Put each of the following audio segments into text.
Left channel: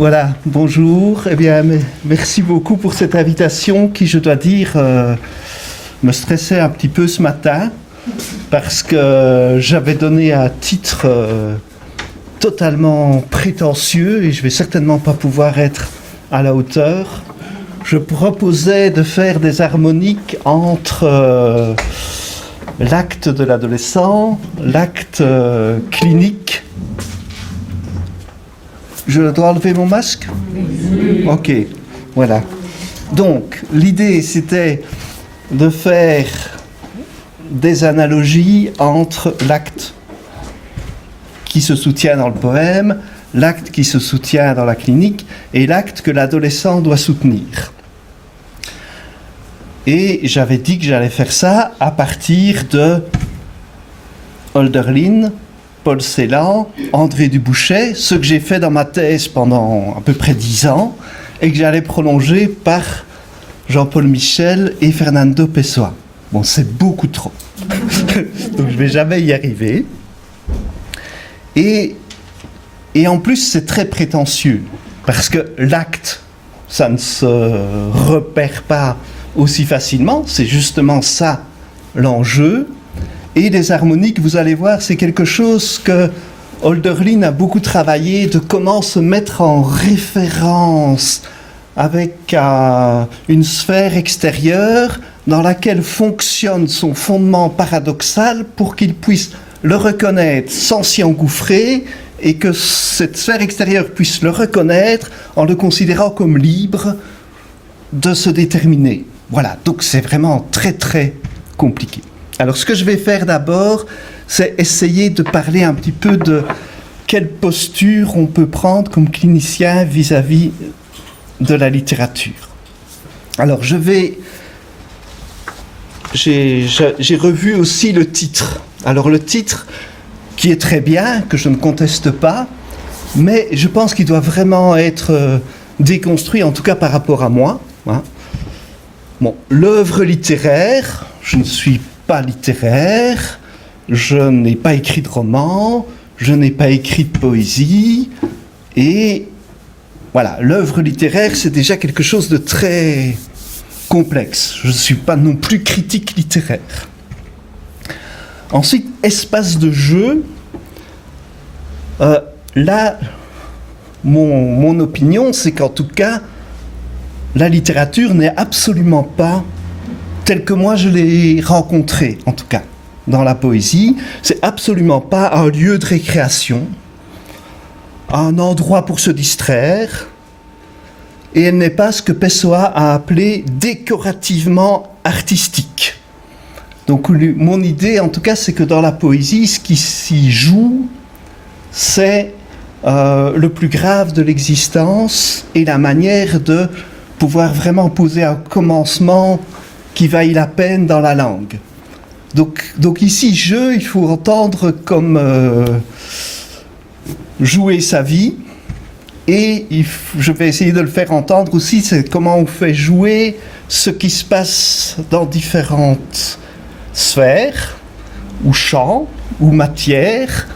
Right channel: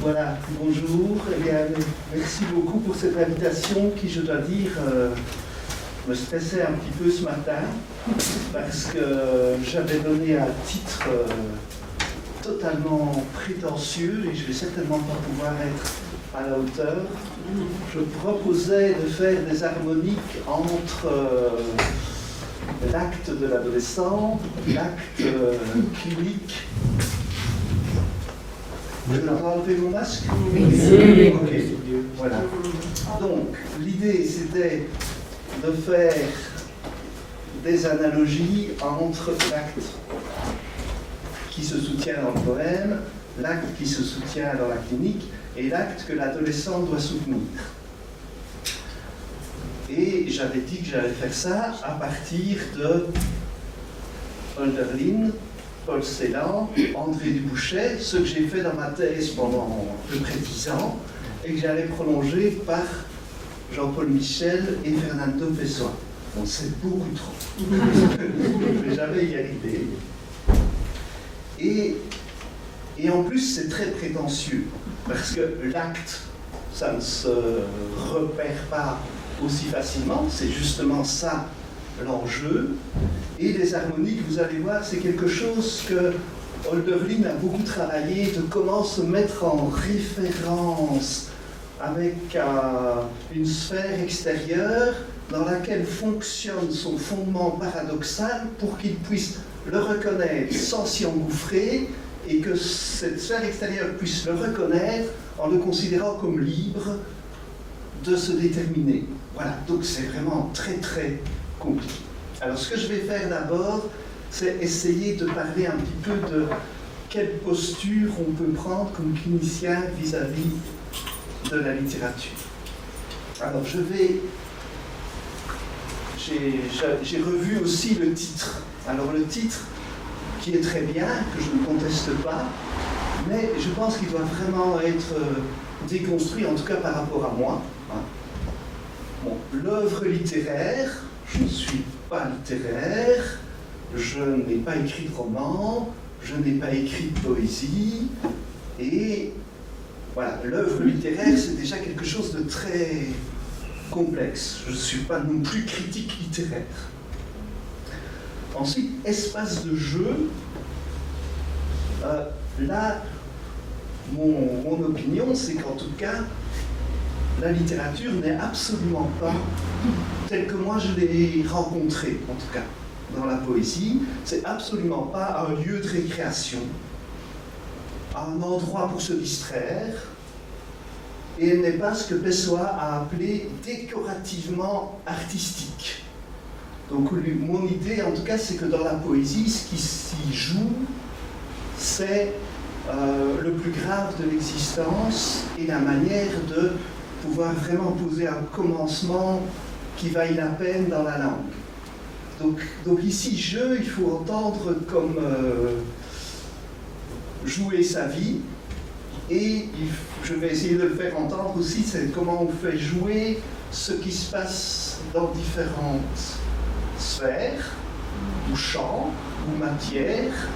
Voilà, bonjour. Eh bien, merci beaucoup pour cette invitation qui, je dois dire, me stressait un petit peu ce matin parce que j'avais donné un titre totalement prétentieux et je vais certainement pas pouvoir être à la hauteur. Je proposais de faire des harmoniques entre l'acte de l'adolescent, l'acte clinique. Je dois enlever mon masque ? Ok, voilà. Donc, l'idée, c'était de faire des analogies entre l'acte qui se soutient dans le poème, l'acte qui se soutient dans la clinique et l'acte que l'adolescent doit soutenir. Et j'avais dit que j'allais faire ça à partir de Hölderlin, Paul Celan, André Dubouchet, ce que j'ai fait dans ma thèse pendant à peu près 10 ans et que j'allais prolonger par Jean-Paul Michel et Fernando Pessoa. Bon, c'est beaucoup trop. Donc je ne vais jamais y arriver. Et en plus, c'est très prétentieux, parce que l'acte, ça ne se repère pas aussi facilement, c'est justement ça l'enjeu. Et les harmoniques, vous allez voir, c'est quelque chose que Hölderlin a beaucoup travaillé, de comment se mettre en référence avec une sphère extérieure dans laquelle fonctionne son fondement paradoxal pour qu'il puisse le reconnaître sans s'y engouffrer et que cette sphère extérieure puisse le reconnaître en le considérant comme libre de se déterminer. Voilà, donc c'est vraiment très très compliqué. Alors ce que je vais faire d'abord, c'est essayer de parler un petit peu de quelle posture on peut prendre comme clinicien vis-à-vis de la littérature. Alors j'ai revu aussi le titre. Alors le titre, qui est très bien, que je ne conteste pas, mais je pense qu'il doit vraiment être déconstruit, en tout cas par rapport à moi. Hein. Bon, l'œuvre littéraire, je ne suis pas littéraire, je n'ai pas écrit de roman, je n'ai pas écrit de poésie, et voilà, l'œuvre littéraire, c'est déjà quelque chose de très complexe. Je ne suis pas non plus critique littéraire. Ensuite, espace de jeu. Là, mon opinion, c'est qu'en tout cas, la littérature n'est absolument pas telle que moi je l'ai rencontrée, en tout cas, dans la poésie. C'est absolument pas un lieu de récréation, un endroit pour se distraire, et elle n'est pas ce que Pessoa a appelé décorativement artistique. Donc mon idée, en tout cas, c'est que dans la poésie, ce qui s'y joue, c'est le plus grave de l'existence et la manière de pouvoir vraiment poser un commencement qui vaille la peine dans la langue. Donc ici, jeu, il faut entendre comme jouer sa vie, et je vais essayer de le faire entendre aussi, c'est comment on fait jouer ce qui se passe dans différentes sphère, ou champ, ou matière,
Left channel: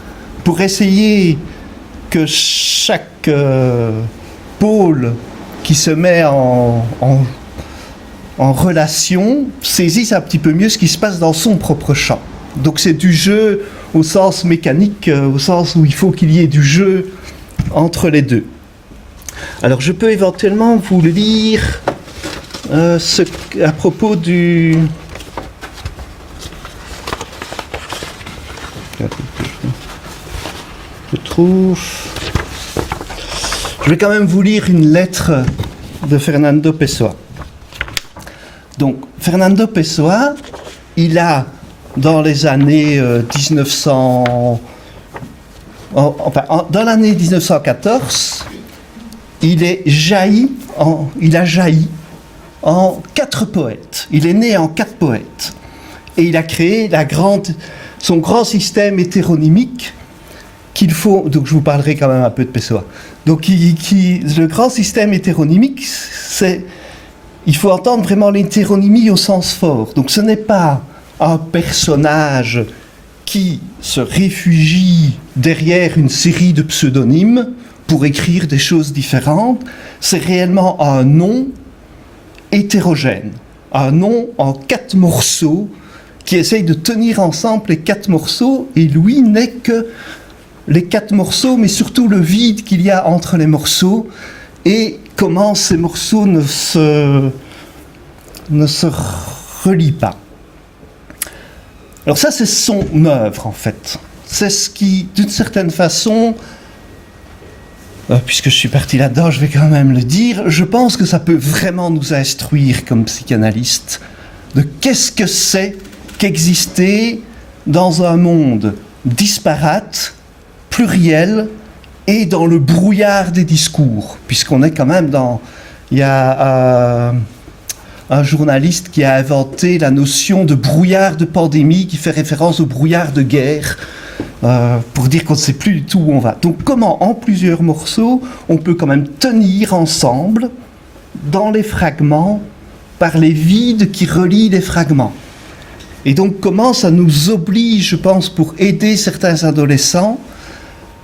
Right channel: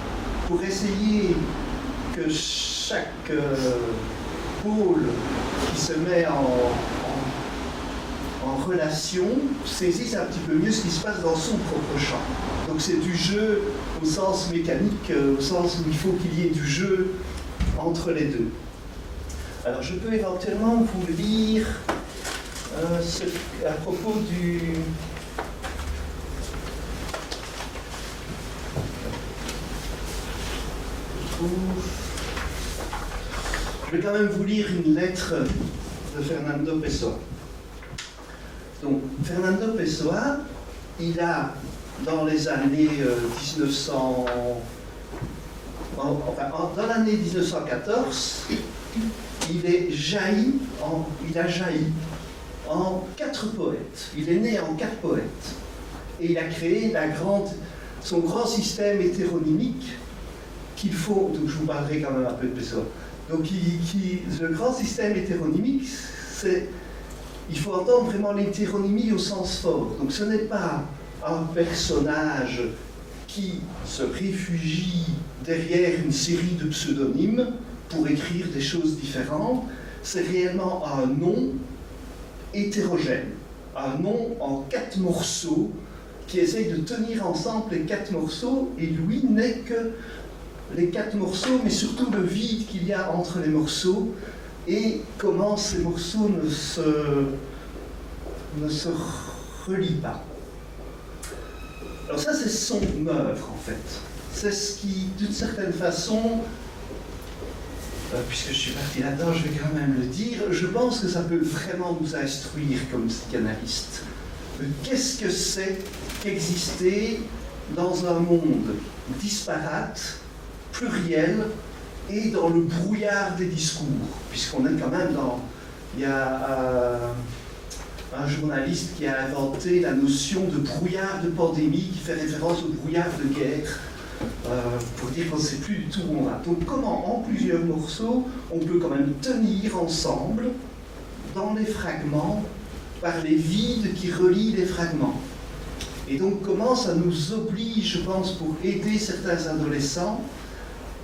pour essayer que chaque pôle qui se met en relation saisisse un petit peu mieux ce qui se passe dans son propre champ. Donc c'est du jeu au sens mécanique, au sens où il faut qu'il y ait du jeu entre les deux. Alors je peux éventuellement vous lire à propos du... Je vais quand même vous lire une lettre de Fernando Pessoa. Donc, Fernando Pessoa, il a, dans les années 1900... dans l'année 1914, il a jailli en 4 poètes. Il est né en 4 poètes. Et il a créé son grand système hétéronymique qu'il faut... Donc je vous parlerai quand même un peu de Pessoa. Donc le grand système hétéronymique, il faut entendre vraiment l'hétéronymie au sens fort. Donc ce n'est pas un personnage qui se réfugie derrière une série de pseudonymes pour écrire des choses différentes, c'est réellement un nom hétérogène, un nom en 4 morceaux qui essaye de tenir ensemble les 4 morceaux, et Louis n'est que les 4 morceaux, mais surtout le vide qu'il y a entre les morceaux, et comment ces morceaux ne se relient pas. Alors ça, c'est son œuvre, en fait. C'est ce qui, d'une certaine façon, puisque je suis parti là-dedans, je vais quand même le dire, je pense que ça peut vraiment nous instruire comme psychanalystes de qu'est-ce que c'est qu'exister dans un monde disparate, pluriel, et dans le brouillard des discours, puisqu'on est quand même dans... Il y a un journaliste qui a inventé la notion de brouillard de pandémie, qui fait référence au brouillard de guerre, pour dire qu'on ne sait plus du tout où on va. Donc comment, en plusieurs morceaux, on peut quand même tenir ensemble, dans les fragments, par les vides qui relient les fragments. Et donc comment ça nous oblige, je pense, pour aider certains adolescents,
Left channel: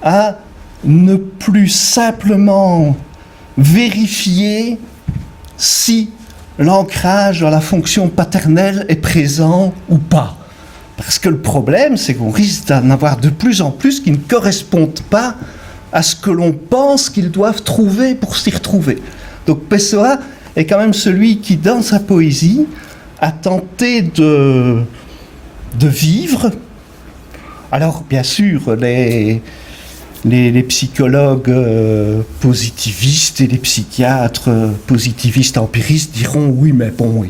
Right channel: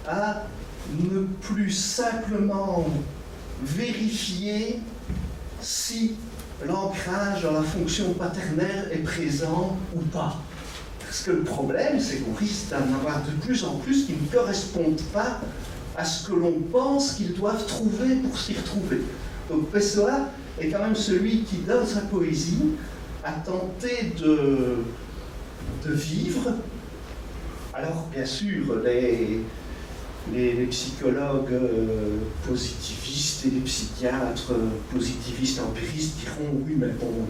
à ne plus simplement vérifier si l'ancrage dans la fonction paternelle est présent ou pas. Parce que le problème, c'est qu'on risque d'en avoir de plus en plus qui ne correspondent pas à ce que l'on pense qu'ils doivent trouver pour s'y retrouver. Donc Pessoa est quand même celui qui, dans sa poésie, a tenté de vivre. Alors, bien sûr, les psychologues positivistes et les psychiatres positivistes empiristes diront oui, mais bon,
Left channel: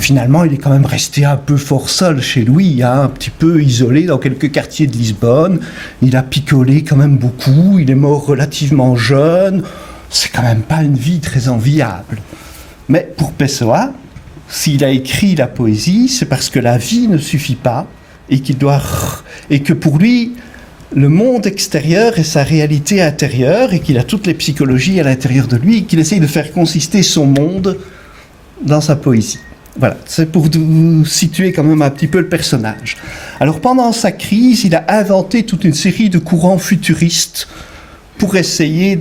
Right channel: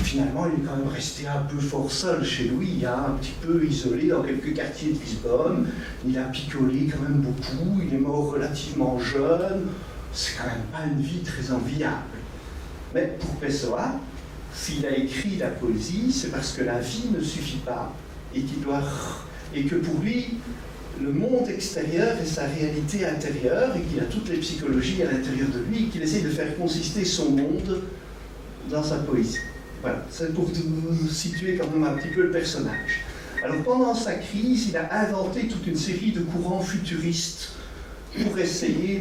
finalement il est quand même resté un peu fort seul chez lui, hein, un petit peu isolé dans quelques quartiers de Lisbonne, il a picolé quand même beaucoup, il est mort relativement jeune, c'est quand même pas une vie très enviable. Mais pour Pessoa, s'il a écrit la poésie, c'est parce que la vie ne suffit pas et que pour lui le monde extérieur est sa réalité intérieure et qu'il a toutes les psychologies à l'intérieur de lui et qu'il essaye de faire consister son monde dans sa poésie. Voilà, c'est pour vous situer quand même un petit peu le personnage. Alors pendant sa crise, il a inventé toute une série de courants futuristes pour essayer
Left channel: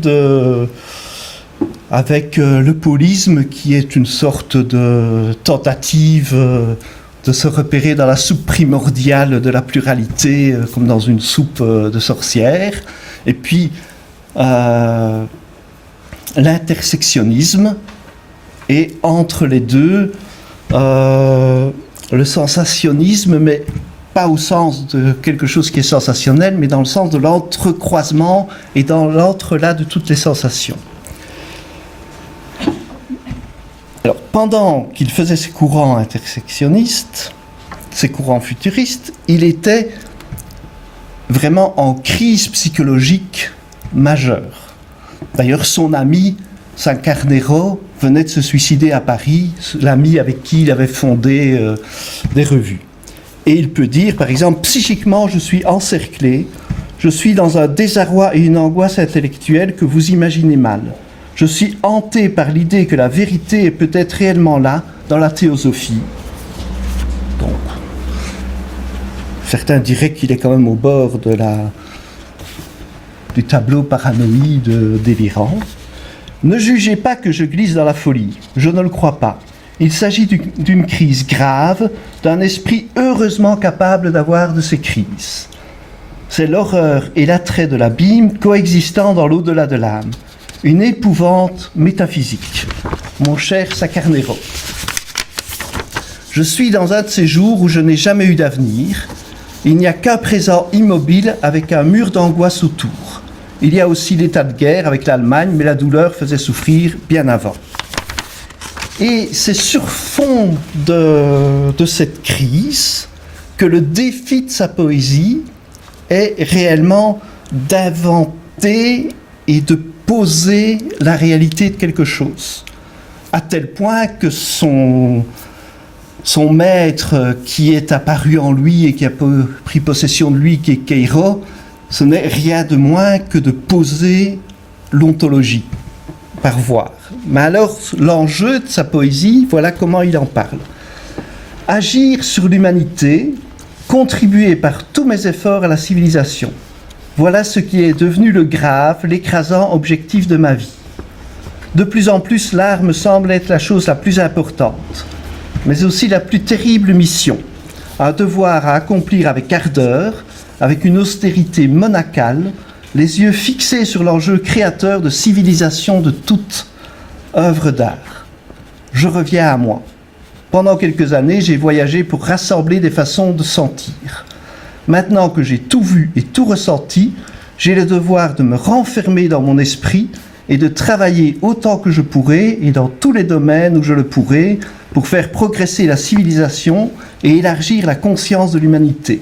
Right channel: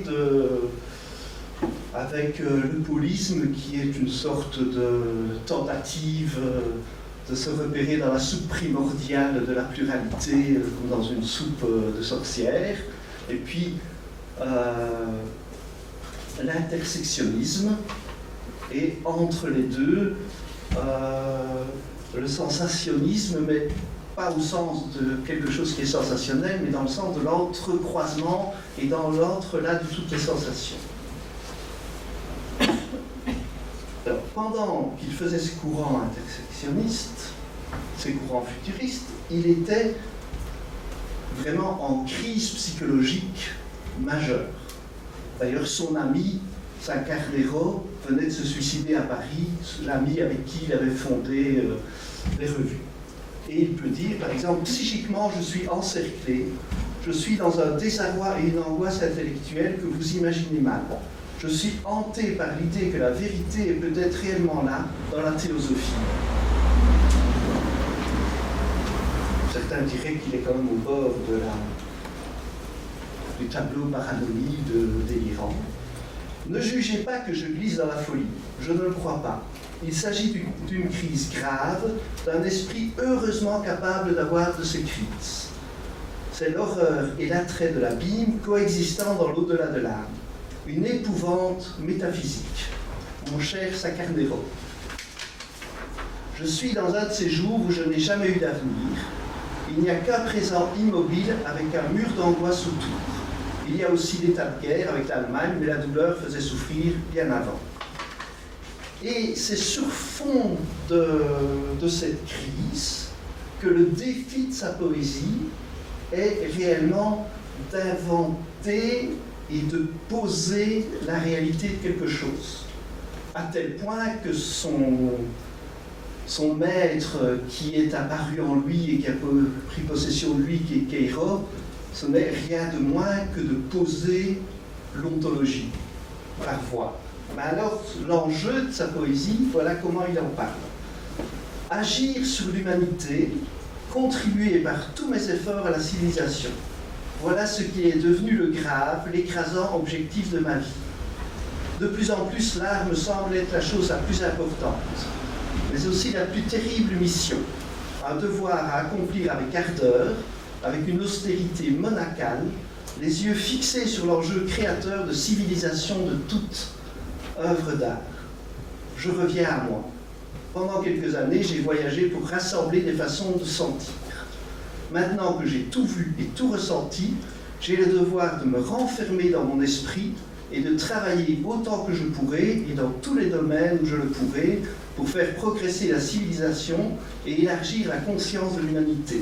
avec le paulisme qui est une sorte de tentative de se repérer dans la soupe primordiale de la pluralité, comme dans une soupe de sorcière. Et puis, l'intersectionnisme, et entre les deux, le sensationnisme, mais pas au sens de quelque chose qui est sensationnel, mais dans le sens de l'entrecroisement et dans l'entrelac de toutes les sensations. Alors, pendant qu'il faisait ces courants intersectionnistes, ces courants futuristes, il était vraiment en crise psychologique majeure. D'ailleurs, son ami, Sancarnero, venait de se suicider à Paris, l'ami avec qui il avait fondé des revues. Et il peut dire, par exemple, psychiquement, je suis encerclé, je suis dans un désarroi et une angoisse intellectuelle que vous imaginez mal. Je suis hanté par l'idée que la vérité est peut-être réellement là, dans la théosophie. Bon. Certains diraient qu'il est quand même au bord du tableau paranoïde délirant. Ne jugez pas que je glisse dans la folie, je ne le crois pas. Il s'agit d'une crise grave, d'un esprit heureusement capable d'avoir de ces crises. C'est l'horreur et l'attrait de l'abîme coexistant dans l'au-delà de l'âme. Une épouvante métaphysique. Mon cher Sancarnero. Je suis dans un de ces jours où je n'ai jamais eu d'avenir. Il n'y a qu'un présent immobile avec un mur d'angoisse autour. Il y a aussi l'état de guerre avec l'Allemagne, mais la douleur faisait souffrir bien avant. Et c'est sur fond de cette crise que le défi de sa poésie est réellement d'inventer et de poser la réalité de quelque chose. À tel point que son maître qui est apparu en lui et qui a pris possession de lui, qui est Queiro, ce n'est rien de moins que de poser l'ontologie par voir. Mais alors, l'enjeu de sa poésie, voilà comment il en parle. Agir sur l'humanité, contribuer par tous mes efforts à la civilisation. Voilà ce qui est devenu le grave, l'écrasant objectif de ma vie. De plus en plus, l'art me semble être la chose la plus importante, mais aussi la plus terrible mission, un devoir à accomplir avec ardeur, avec une austérité monacale, les yeux fixés sur l'enjeu créateur de civilisation de toute œuvre d'art. Je reviens à moi. Pendant quelques années, j'ai voyagé pour rassembler des façons de sentir. Maintenant que j'ai tout vu et tout ressenti, j'ai le devoir de me renfermer dans mon esprit et de travailler autant que je pourrai et dans tous les domaines où je le pourrai pour faire progresser la civilisation et élargir la conscience de l'humanité.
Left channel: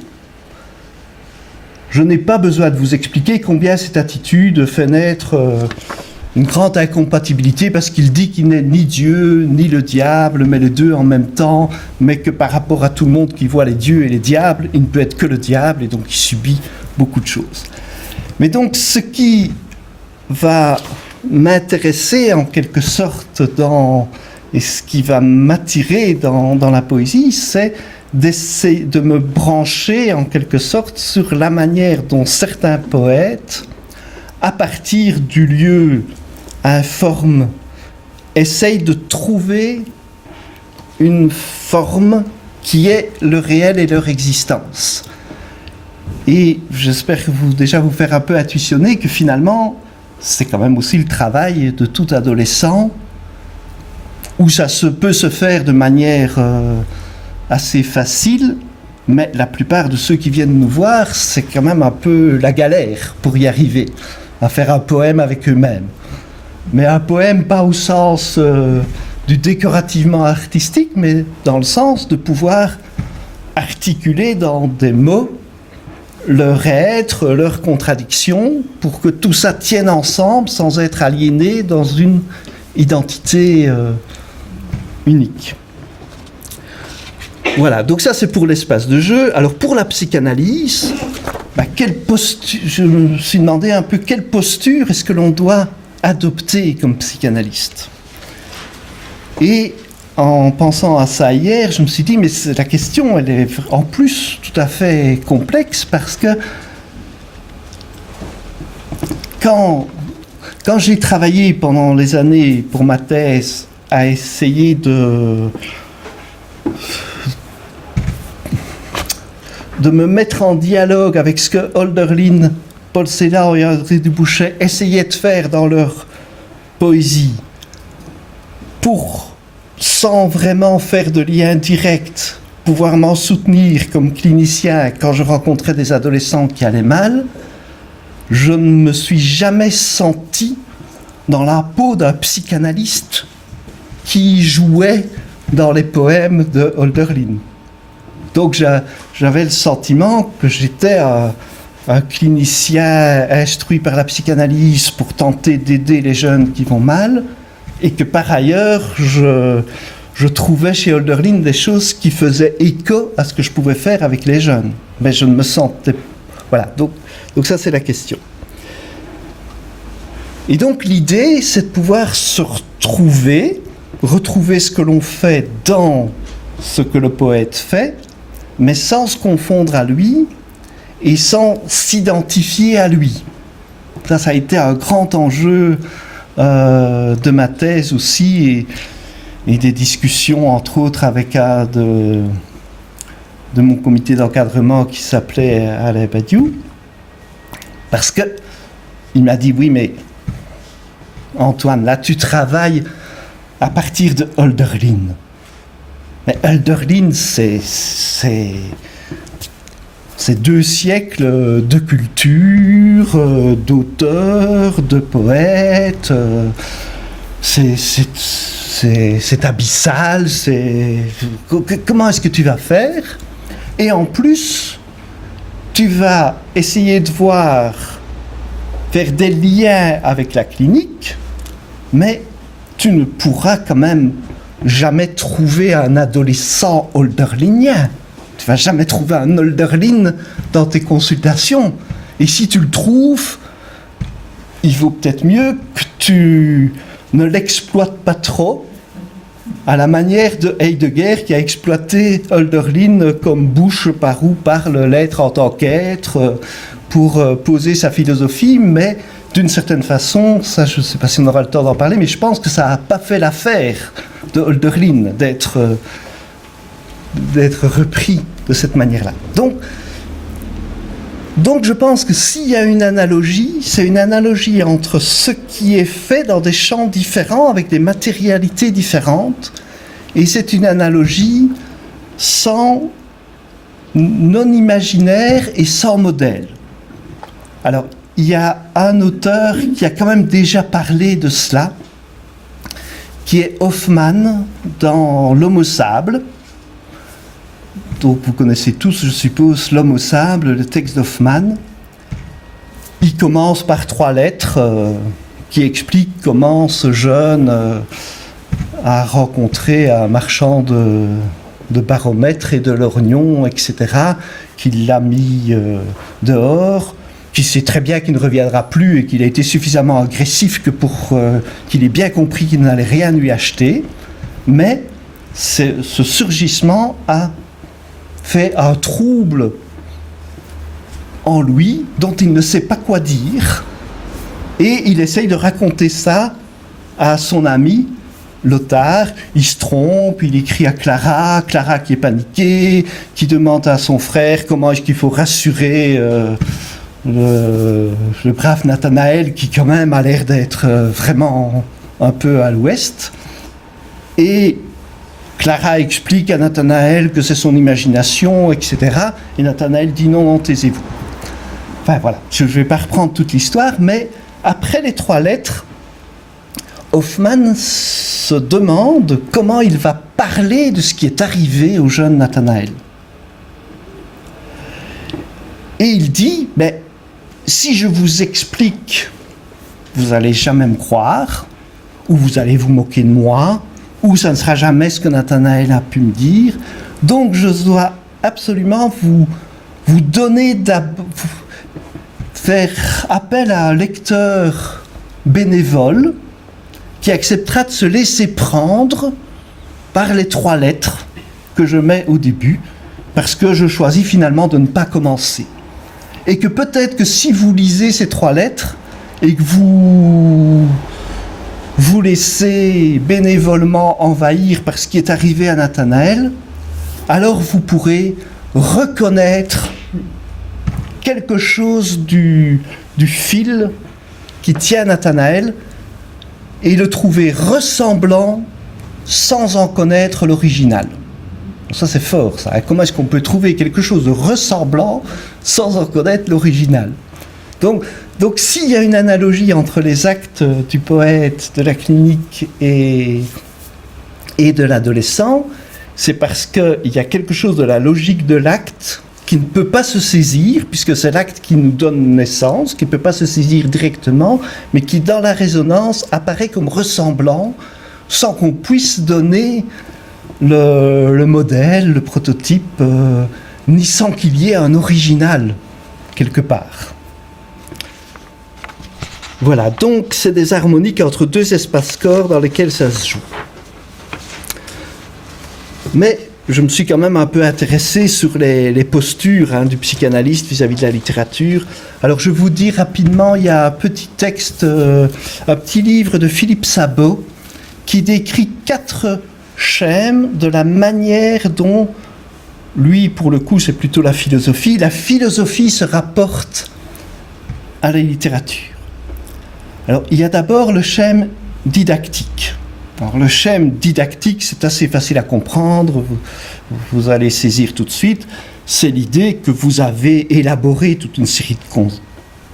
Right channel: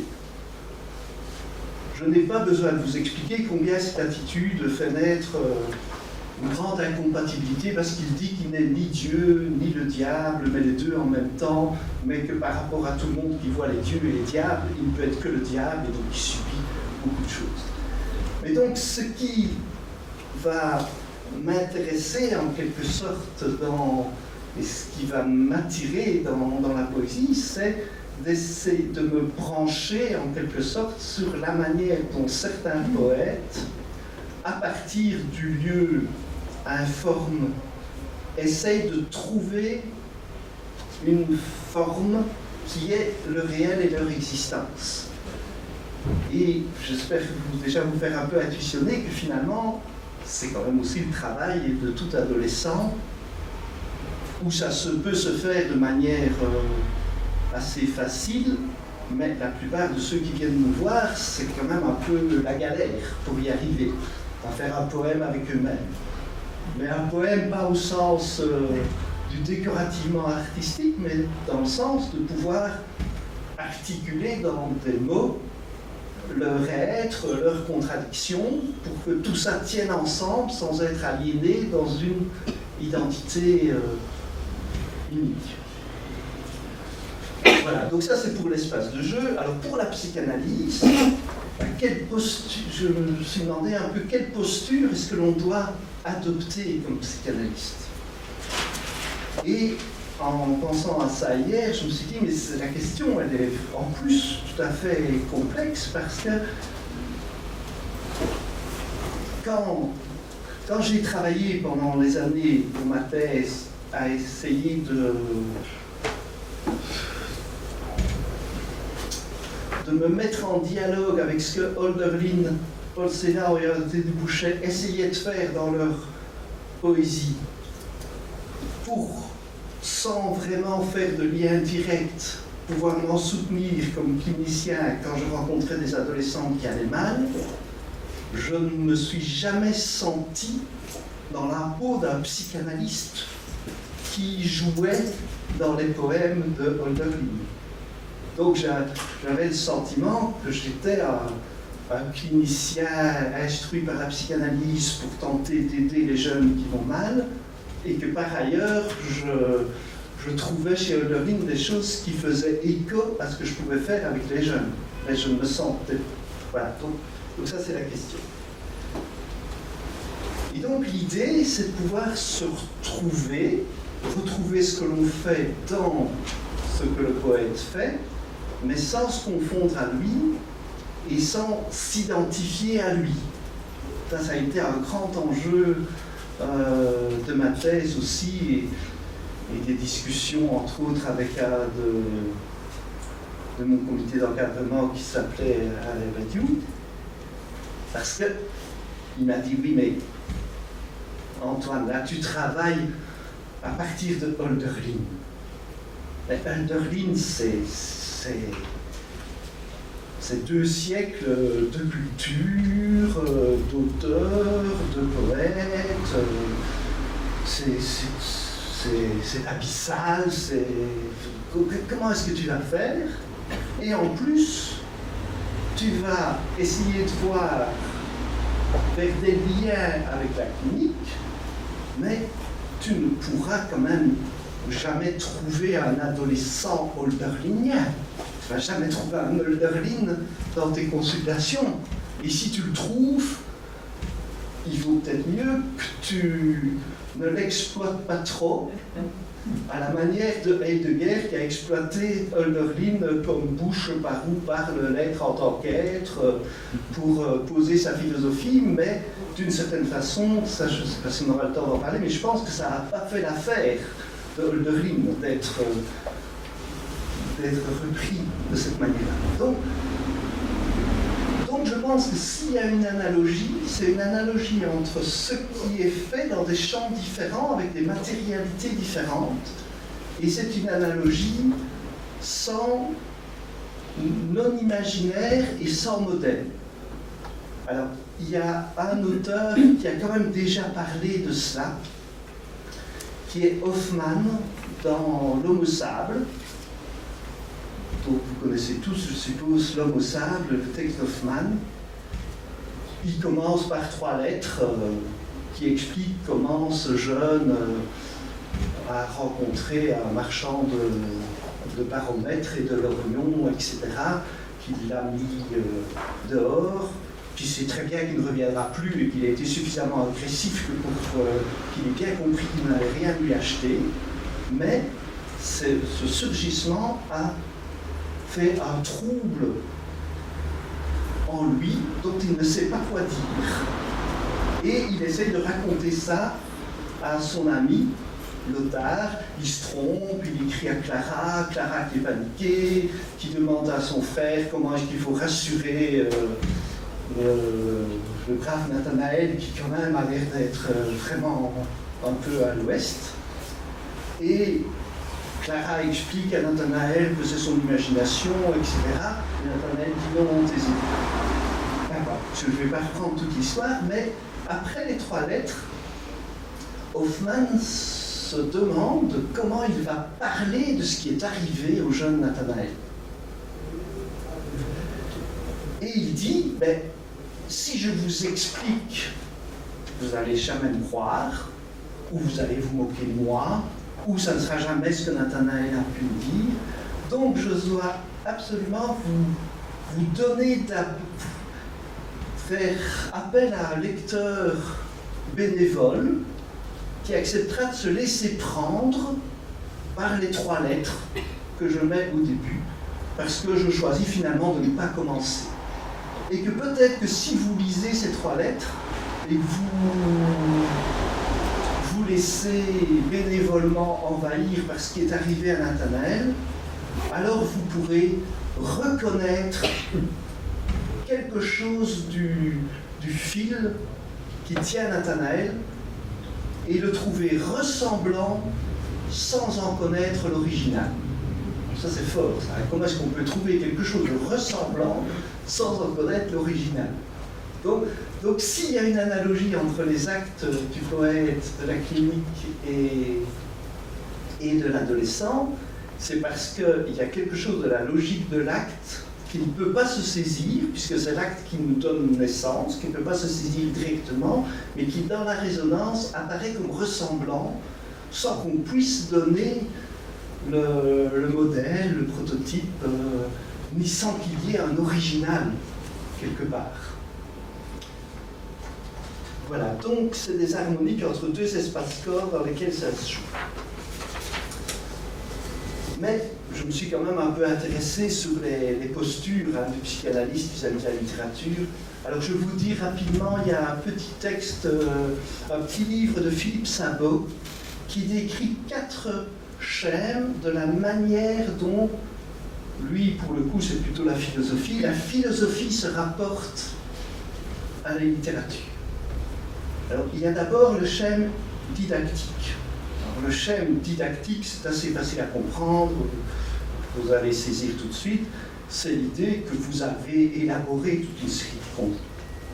Je n'ai pas besoin de vous expliquer combien cette attitude fait naître une grande incompatibilité, parce qu'il dit qu'il n'est ni Dieu ni le diable, mais les deux en même temps, mais que par rapport à tout le monde qui voit les dieux et les diables, il ne peut être que le diable, et donc il subit beaucoup de choses. Mais donc ce qui va m'intéresser en quelque sorte et ce qui va m'attirer dans la poésie, c'est d'essayer de me brancher en quelque sorte sur la manière dont certains poètes, à partir du lieu informe, essayent de trouver une forme qui est le réel et leur existence. Et j'espère déjà vous faire un peu intuitionner que finalement, c'est quand même aussi le travail de tout adolescent, où ça peut se faire de manière assez facile, mais la plupart de ceux qui viennent nous voir, c'est quand même un peu la galère pour y arriver, à faire un poème avec eux-mêmes. Mais un poème pas au sens du décorativement artistique, mais dans le sens de pouvoir articuler dans des mots leur être, leurs contradictions, pour que tout ça tienne ensemble sans être aliéné dans une identité unique. Voilà, donc ça c'est pour l'espace de jeu. Alors pour la psychanalyse, je me suis demandé un peu quelle posture est-ce que l'on doit adopter comme psychanalyste. Et en pensant à ça hier, je me suis dit, mais la question, elle est en plus tout à fait complexe, parce que quand j'ai travaillé pendant les années pour ma thèse à essayer de me mettre en dialogue avec ce que Hölderlin, Paul Celan et André Dubouchet essayaient de faire dans leur poésie, pour, sans vraiment faire de lien direct, pouvoir m'en soutenir comme clinicien quand je rencontrais des adolescents qui allaient mal, je ne me suis jamais senti dans la peau d'un psychanalyste qui jouait dans les poèmes de Hölderlin. Donc j'avais le sentiment que j'étais un clinicien instruit par la psychanalyse pour tenter d'aider les jeunes qui vont mal, et que par ailleurs je trouvais chez Hölderlin des choses qui faisaient écho à ce que je pouvais faire avec les jeunes. Mais je ne me sentais... Voilà, donc ça c'est la question. Et donc l'idée, c'est de pouvoir se retrouver ce que l'on fait dans ce que le poète fait, mais sans se confondre à lui et sans s'identifier à lui. Ça a été un grand enjeu de ma thèse aussi, et des discussions entre autres avec un de mon comité d'encadrement qui s'appelait Alain Badiou, parce que il m'a dit, oui mais Antoine, là tu travailles à partir de Hölderlin. Mais Hölderlin, c'est 2 siècles de culture, d'auteurs, de poètes. C'est abyssal. Comment est-ce que tu vas faire? Et en plus, tu vas essayer de faire des liens avec la clinique, mais tu ne pourras quand même jamais trouver un adolescent hölderlinien. Tu vas jamais trouver un Hölderlin dans tes consultations. Et si tu le trouves, il vaut peut-être mieux que tu ne l'exploites pas trop, à la manière de Heidegger qui a exploité Hölderlin comme bouche par où parle l'être en tant qu'être pour poser sa philosophie, mais d'une certaine façon, ça je ne sais pas si on aura le temps d'en parler, mais je pense que ça n'a pas fait l'affaire de Hölderlin d'être repris de cette manière-là. Donc je pense que s'il y a une analogie, c'est une analogie entre ce qui est fait dans des champs différents, avec des matérialités différentes, et c'est une analogie non imaginaire et sans modèle. Alors, il y a un auteur qui a quand même déjà parlé de cela, qui est Hoffmann dans L'Homme au sable. Donc vous connaissez tous, je suppose, L'Homme au sable, le texte d'Hoffmann. Il commence par 3 lettres qui expliquent comment ce jeune a rencontré un marchand de baromètres et de lorgnons, etc., qui l'a mis dehors, qui sait très bien qu'il ne reviendra plus et qu'il a été suffisamment agressif que pour qu'il ait bien compris qu'il n'allait rien lui acheter. Mais ce surgissement a fait un trouble en lui dont il ne sait pas quoi dire, et il essaye de raconter ça à son ami Lothar. Il se trompe, il écrit à Clara qui est paniquée, qui demande à son frère comment est-ce qu'il faut rassurer le brave Nathanaël, qui quand même a l'air d'être vraiment un peu à l'ouest. Et Clara explique à Nathanaël que c'est son imagination, etc. Et Nathanaël dit non, taisez-vous. Enfin voilà, je ne vais pas reprendre toute l'histoire, mais après les 3 lettres, Hoffmann se demande comment il va parler de ce qui est arrivé au jeune Nathanaël. Et il dit, mais si je vous explique, vous n'allez jamais me croire, ou vous allez vous moquer de moi, ou ça ne sera jamais ce que Nathanaël a pu me dire. Donc je dois absolument vous donner, faire appel à un lecteur bénévole qui acceptera de se laisser prendre par les 3 lettres que je mets au début, parce que je choisis finalement de ne pas commencer. Et que peut-être que si vous lisez ces 3 lettres et que vous laissez bénévolement envahir par ce qui est arrivé à Nathanaël, alors vous pourrez reconnaître quelque chose du fil qui tient Nathanaël et le trouver ressemblant sans en connaître l'original. Ça c'est fort, ça. Comment est-ce qu'on peut trouver quelque chose de ressemblant sans en connaître l'original ? Donc s'il y a une analogie entre les actes du poète, de la clinique et de l'adolescent, c'est parce qu'il y a quelque chose de la logique de l'acte qui ne peut pas se saisir, puisque c'est l'acte qui nous donne naissance, qui ne peut pas se saisir directement, mais qui dans la résonance apparaît comme ressemblant, sans qu'on puisse donner le modèle, le prototype, ni sans qu'il y ait un original quelque part. Voilà, donc c'est des harmoniques entre 2 espaces-corps dans lesquels ça se joue. Mais je me suis quand même un peu intéressé sur les postures du psychanalyste vis-à-vis de la littérature. Alors je vous dis rapidement, il y a un petit texte, un petit livre de Philippe Sabot qui décrit 4 schèmes de la manière dont, lui pour le coup c'est plutôt la philosophie se rapporte à la littérature. Alors, il y a d'abord le schème didactique. Alors, le schème didactique, c'est assez facile à comprendre, vous allez saisir tout de suite. C'est l'idée que vous avez élaboré toute une série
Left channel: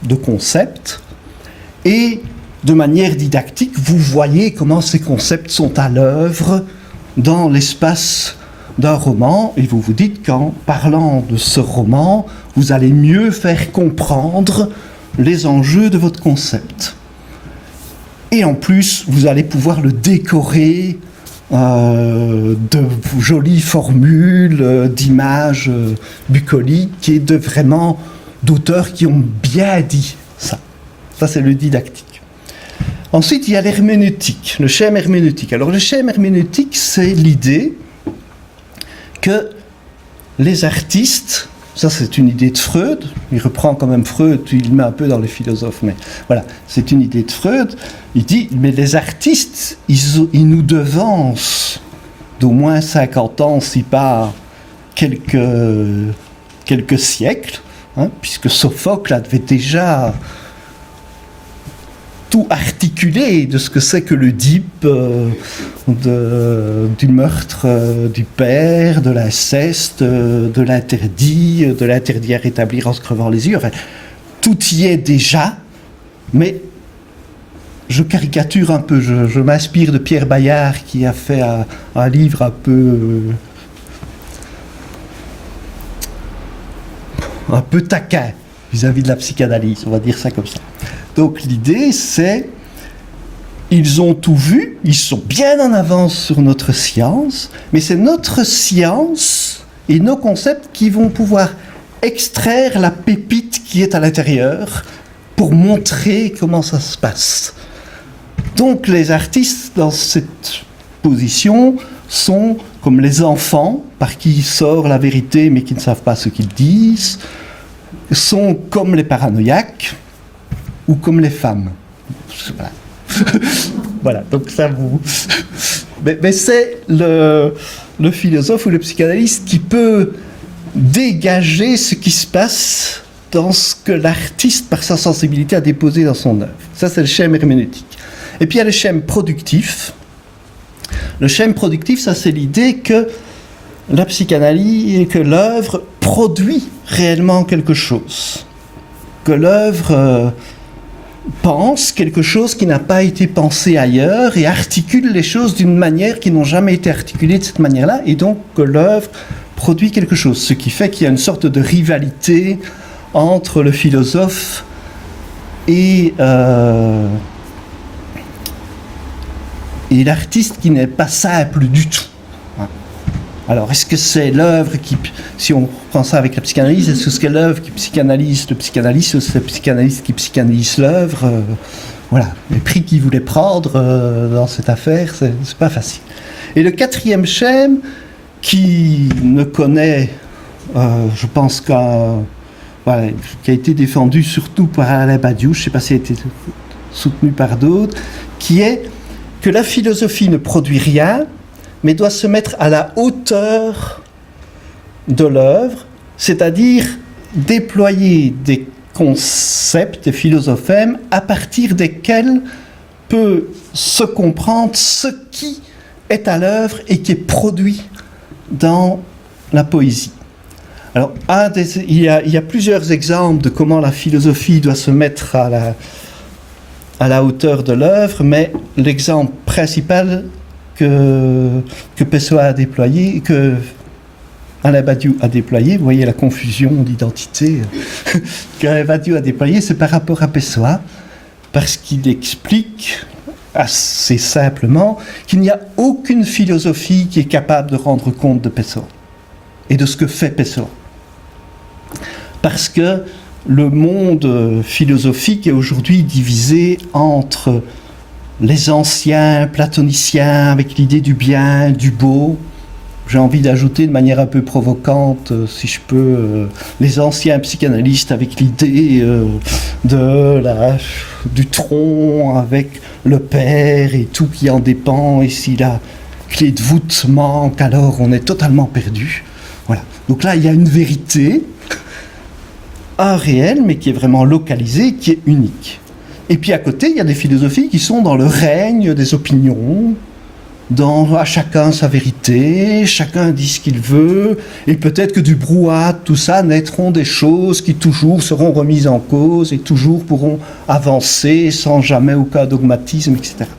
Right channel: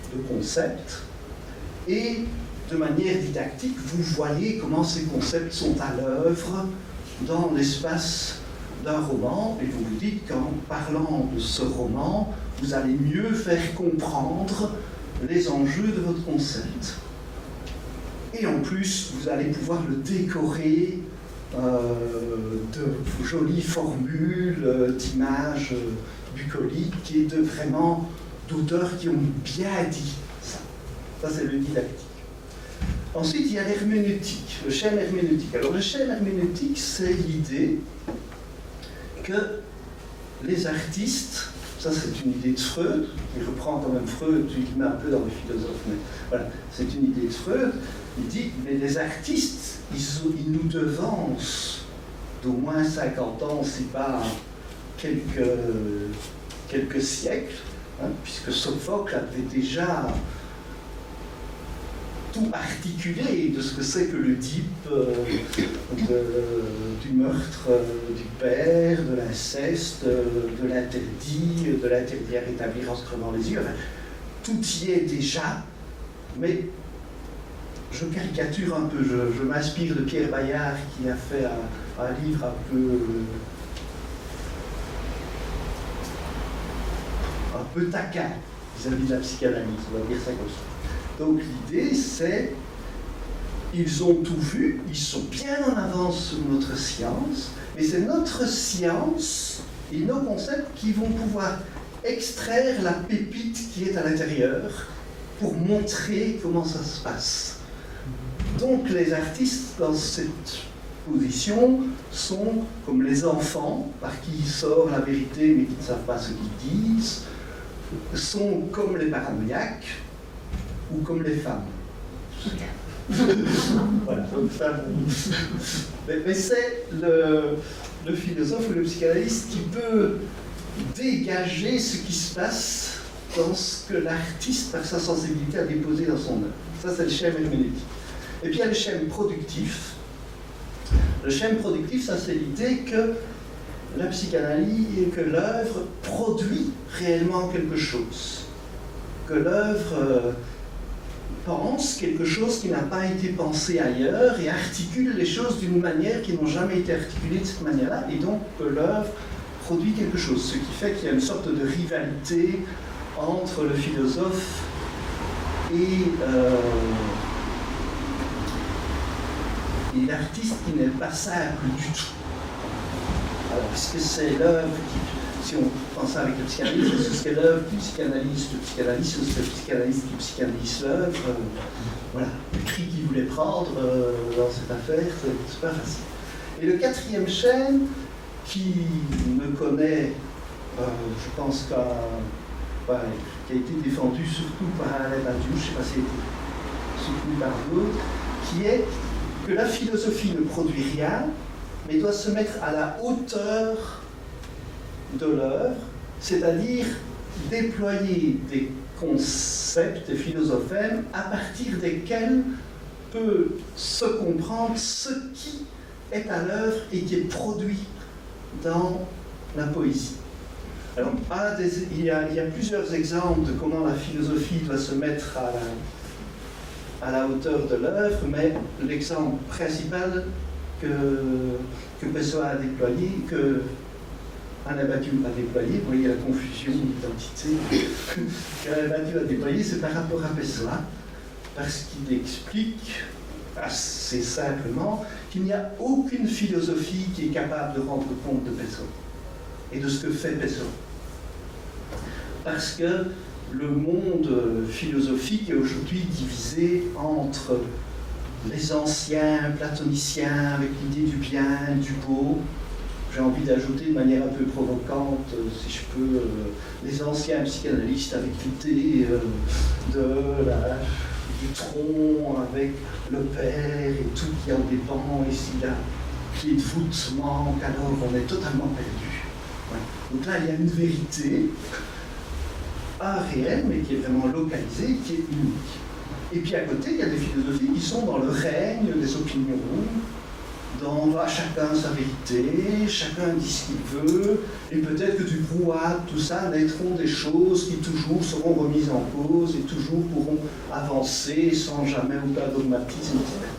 de concepts et, de manière didactique, vous voyez comment ces concepts sont à l'œuvre dans l'espace d'un roman et vous vous dites qu'en parlant de ce roman, vous allez mieux faire comprendre les enjeux de votre concept. Et en plus, vous allez pouvoir le décorer de jolies formules, d'images bucoliques et d'auteurs qui ont bien dit ça. Ça, c'est le didactique. Ensuite, il y a l'herméneutique, le schème herméneutique. Alors, le schème herméneutique, c'est l'idée que les artistes, ça c'est une idée de Freud, il reprend quand même Freud, il le met un peu dans les philosophes, mais voilà, c'est une idée de Freud. Il dit, mais les artistes, ils nous devancent d'au moins 50 ans, si pas quelques siècles, hein, puisque Sophocle avait déjà tout articulé de ce que c'est que l'Oedipe, du meurtre du père, de l'inceste, de l'interdit à rétablir en se crevant les yeux. Enfin, tout y est déjà, mais je caricature un peu, je m'inspire de Pierre Bayard qui a fait un livre un peu taquin vis-à-vis de la psychanalyse, on va dire ça comme ça. Donc l'idée c'est, ils ont tout vu, ils sont bien en avance sur notre science, mais c'est notre science et nos concepts qui vont pouvoir extraire la pépite qui est à l'intérieur pour montrer comment ça se passe. Donc les artistes dans cette position sont comme les enfants par qui sort la vérité mais qui ne savent pas ce qu'ils disent, sont comme les paranoïaques ou comme les femmes. Voilà, voilà, donc ça vous... Mais c'est le philosophe ou le psychanalyste qui peut dégager ce qui se passe dans ce que l'artiste, par sa sensibilité, a déposé dans son œuvre. Ça, c'est le schème herméneutique. Et puis il y a le schème productif. Le schème productif, ça c'est l'idée que la psychanalyse, que l'œuvre produit réellement quelque chose. Que l'œuvre pense quelque chose qui n'a pas été pensé ailleurs et articule les choses d'une manière qui n'ont jamais été articulées de cette manière-là, et donc que l'œuvre produit quelque chose. Ce qui fait qu'il y a une sorte de rivalité entre le philosophe et l'artiste qui n'est pas simple du tout. Alors, est-ce que c'est l'œuvre qui, si on prend ça avec la psychanalyse, est-ce que c'est l'œuvre qui psychanalyse le psychanalyste, ou c'est le psychanalyste qui psychanalyse l'œuvre? Voilà, les prix qu'il voulait prendre dans cette affaire, c'est pas facile. Et le quatrième schème, qui ne connaît, je pense voilà, qui a été défendu surtout par Alain Badiou, je ne sais pas si elle a été soutenu par d'autres, qui est que la philosophie ne produit rien, mais doit se mettre à la hauteur de l'œuvre, c'est-à-dire déployer des concepts, des philosophèmes, à partir desquels peut se comprendre ce qui est à l'œuvre et qui est produit dans la poésie. Alors, il y a plusieurs exemples de comment la philosophie doit se mettre à la hauteur de l'œuvre, mais l'exemple principal que Pessoa a déployé, que Alain Badiou a déployé, vous voyez la confusion d'identité qu'Alain Badiou a déployé, c'est par rapport à Pessoa, parce qu'il explique assez simplement qu'il n'y a aucune philosophie qui est capable de rendre compte de Pessoa et de ce que fait Pessoa. Parce que le monde philosophique est aujourd'hui divisé entre les anciens platoniciens avec l'idée du bien, du beau. J'ai envie d'ajouter de manière un peu provocante, si je peux, les anciens psychanalystes avec l'idée du tronc avec le père et tout qui en dépend, et si la clé de voûte manque, alors on est totalement perdu. Voilà. Donc là, il y a une vérité, un réel, mais qui est vraiment localisé, qui est unique. Et puis à côté, il y a des philosophies qui sont dans le règne des opinions, à chacun sa vérité, chacun dit ce qu'il veut, et peut-être que du brouhaha, tout ça, naîtront des choses qui toujours seront remises en cause et toujours pourront avancer sans jamais aucun dogmatisme, etc.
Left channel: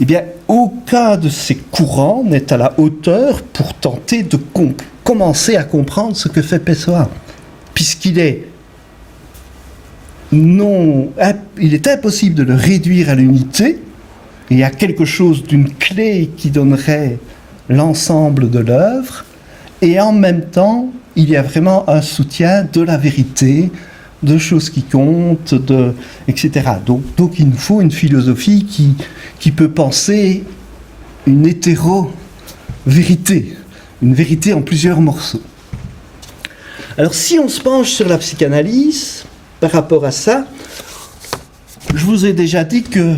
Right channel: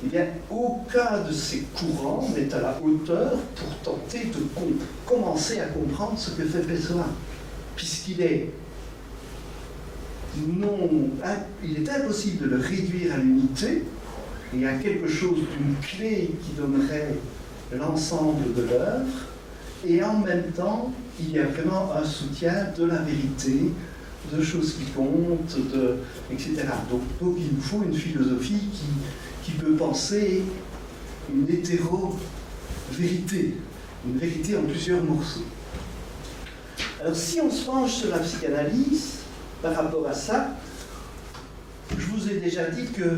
Eh bien, aucun de ces courants n'est à la hauteur pour tenter de commencer à comprendre ce que fait Pessoa, puisqu'il est il est impossible de le réduire à l'unité et à quelque chose d'une clé qui donnerait l'ensemble de l'œuvre, et en même temps il y a vraiment un soutien de la vérité, de choses qui comptent, etc. Donc il nous faut une philosophie qui peut penser une hétéro-vérité, une vérité en plusieurs morceaux. Alors si on se penche sur la psychanalyse, par rapport à ça, je vous ai déjà dit que...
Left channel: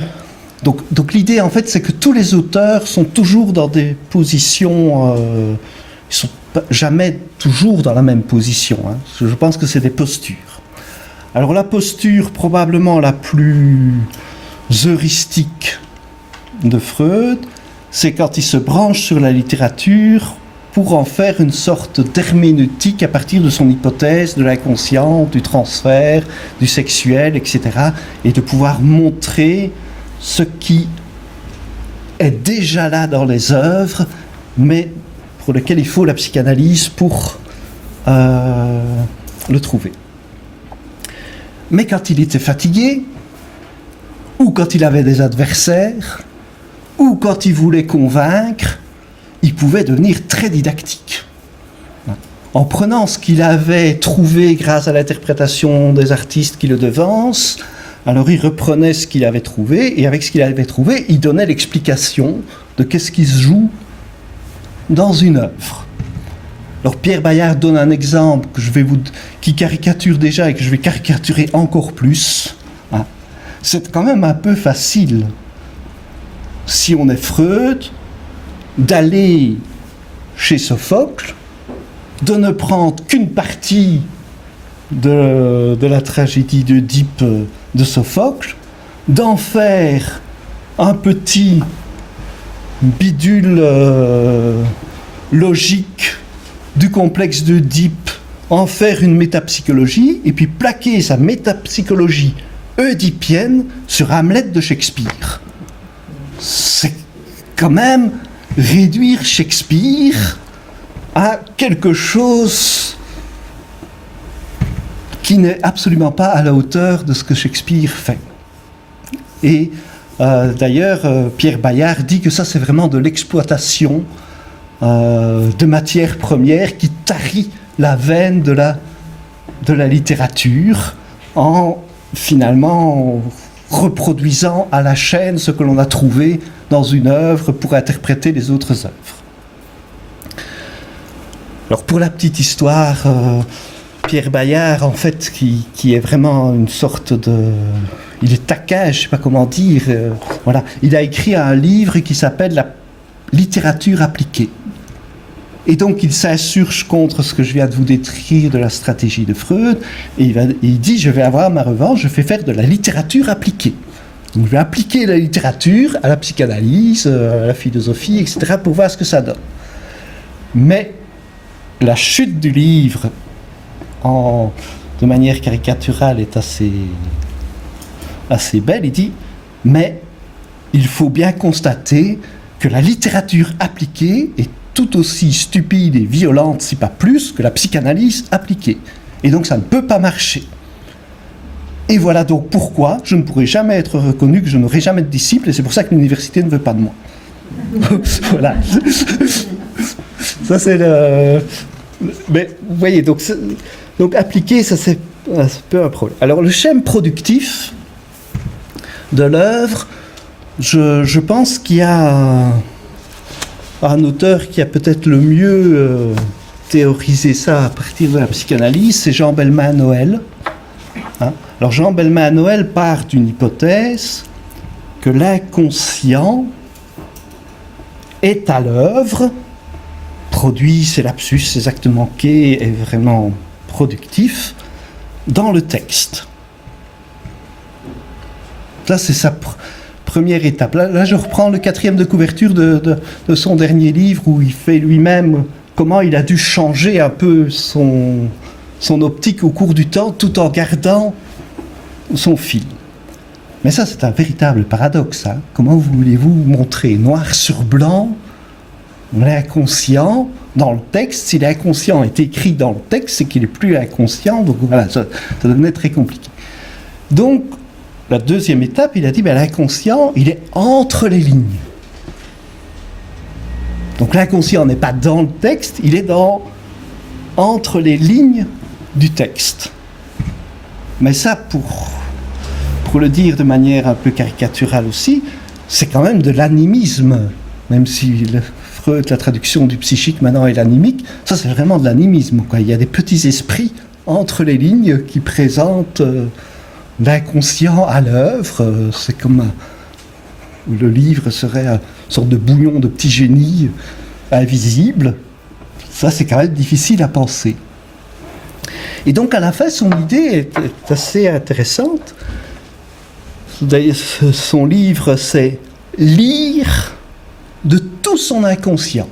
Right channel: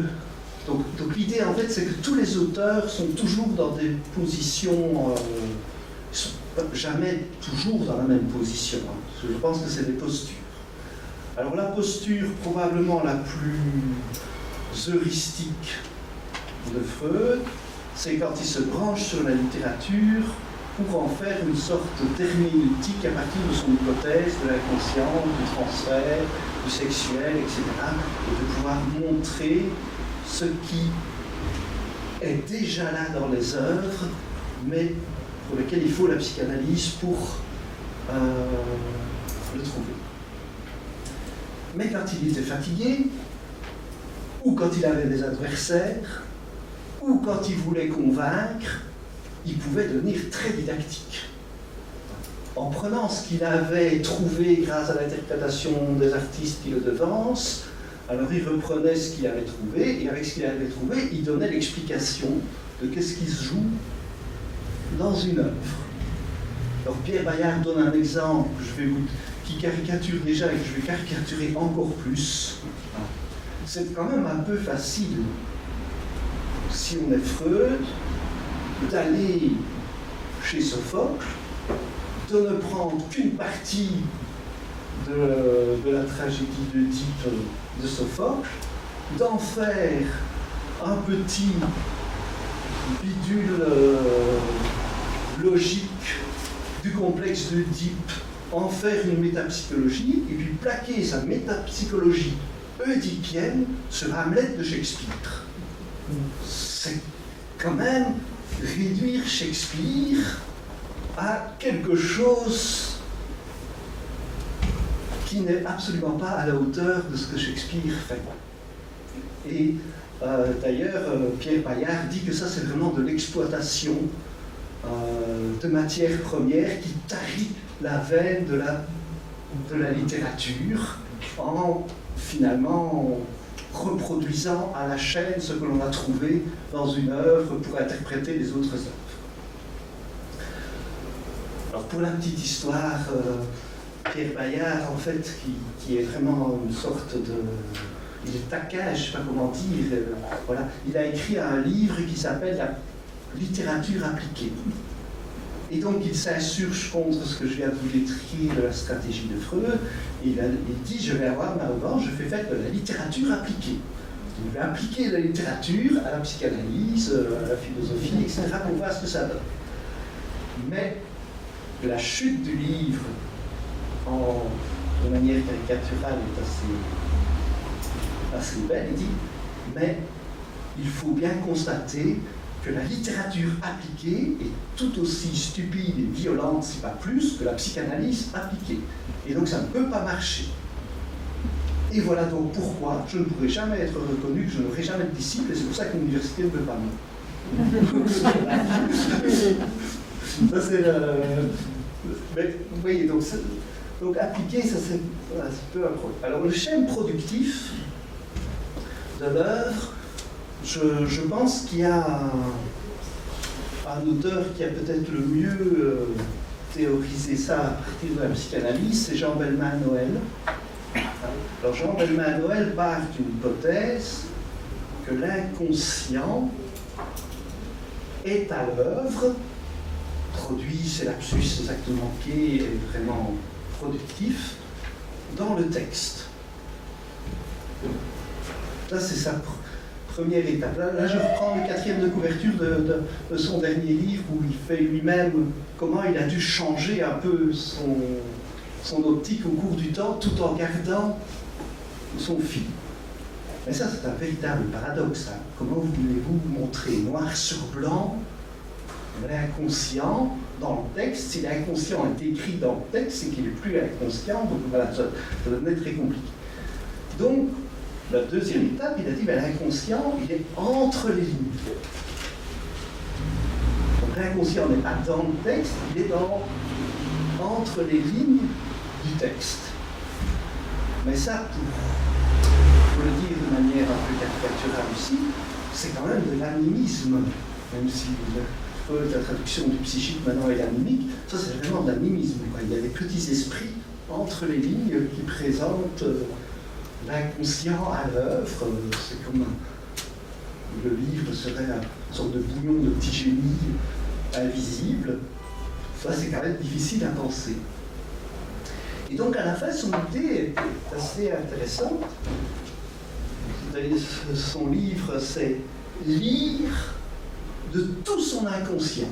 Donc l'idée en fait c'est que tous les auteurs sont toujours dans des positions... ils ne sont jamais toujours dans la même position. Hein. Je pense que c'est des postures. Alors la posture probablement la plus heuristique de Freud, c'est quand il se branche sur la littérature pour en faire une sorte d'herméneutique à partir de son hypothèse de l'inconscient, du transfert, du sexuel, etc. Et de pouvoir montrer ce qui est déjà là dans les œuvres, mais pour lequel il faut la psychanalyse pour le trouver. Mais quand il était fatigué, ou quand il avait des adversaires, ou quand il voulait convaincre, il pouvait devenir très didactique. En prenant ce qu'il avait trouvé grâce à l'interprétation des artistes qui le devancent, alors il reprenait ce qu'il avait trouvé, et avec ce qu'il avait trouvé, il donnait l'explication de qu'est-ce qui se joue dans une œuvre. Alors Pierre Bayard donne un exemple qui caricature déjà et que je vais caricaturer encore plus. C'est quand même un peu facile, si on est Freud, d'aller chez Sophocle, de ne prendre qu'une partie de la tragédie d'Œdipe de Sophocle, d'en faire un petit bidule logique du complexe d'Œdipe, en faire une métapsychologie, et puis plaquer sa métapsychologie oedipienne sur Hamlet de Shakespeare. C'est quand même réduire Shakespeare à quelque chose qui n'est absolument pas à la hauteur de ce que Shakespeare fait. Et d'ailleurs, Pierre Bayard dit que ça, c'est vraiment de l'exploitation de matières premières qui tarit la veine de la littérature en finalement reproduisant à la chaîne ce que l'on a trouvé dans une œuvre pour interpréter les autres œuvres. Alors pour la petite histoire, Pierre Bayard, en fait, qui est vraiment une sorte de... Il est taquin, je ne sais pas comment dire. Voilà. Il a écrit un livre qui s'appelle « La littérature appliquée ». Et donc il s'insurge contre ce que je viens de vous décrire de la stratégie de Freud, et il dit « Je vais avoir ma revanche, je vais faire de la littérature appliquée ». Donc, je vais appliquer la littérature à la psychanalyse, à la philosophie, etc., pour voir ce que ça donne. Mais la chute du livre, de manière caricaturale, est assez belle. Il dit « Mais il faut bien constater que la littérature appliquée est tout aussi stupide et violente, si pas plus, que la psychanalyse appliquée. Et donc ça ne peut pas marcher. Et voilà donc pourquoi je ne pourrai jamais être reconnu, que je n'aurai jamais de disciples, et c'est pour ça que l'université ne veut pas de moi. » Voilà. Ça c'est le... Mais vous voyez, donc appliquer, ça c'est un peu un problème. Alors le schème productif de l'œuvre, je pense qu'il y a un auteur qui a peut-être le mieux théorisé ça à partir de la psychanalyse, c'est Jean Belman-Noël. Alors Jean Belman-Noël part d'une hypothèse que l'inconscient est à l'œuvre, produit ses lapsus, ses actes manqués, est vraiment productif dans le texte. Ça, c'est sa première étape. Là, je reprends le 4e de couverture de son dernier livre, où il fait lui-même comment il a dû changer un peu son optique au cours du temps, tout en gardant son fil. Mais ça, c'est un véritable paradoxe. Hein. Comment voulez-vous montrer noir sur blanc l'inconscient dans le texte? Si l'inconscient est écrit dans le texte, c'est qu'il n'est plus inconscient. Donc voilà, ça devenait très compliqué. Donc, la deuxième étape, il a dit, l'inconscient, il est entre les lignes. Donc l'inconscient n'est pas dans le texte, il est entre les lignes du texte. Mais ça, pour le dire de manière un peu caricaturale aussi, c'est quand même de l'animisme, même si Freud, la traduction du psychique maintenant est l'animique, ça c'est vraiment de l'animisme, quoi. Il y a des petits esprits entre les lignes qui présentent l'inconscient à l'œuvre. C'est comme le livre serait une sorte de bouillon de petit génie invisible. Ça c'est quand même difficile à penser. Et donc à la fin, son idée est assez intéressante. Son livre, c'est lire de tout son inconscient,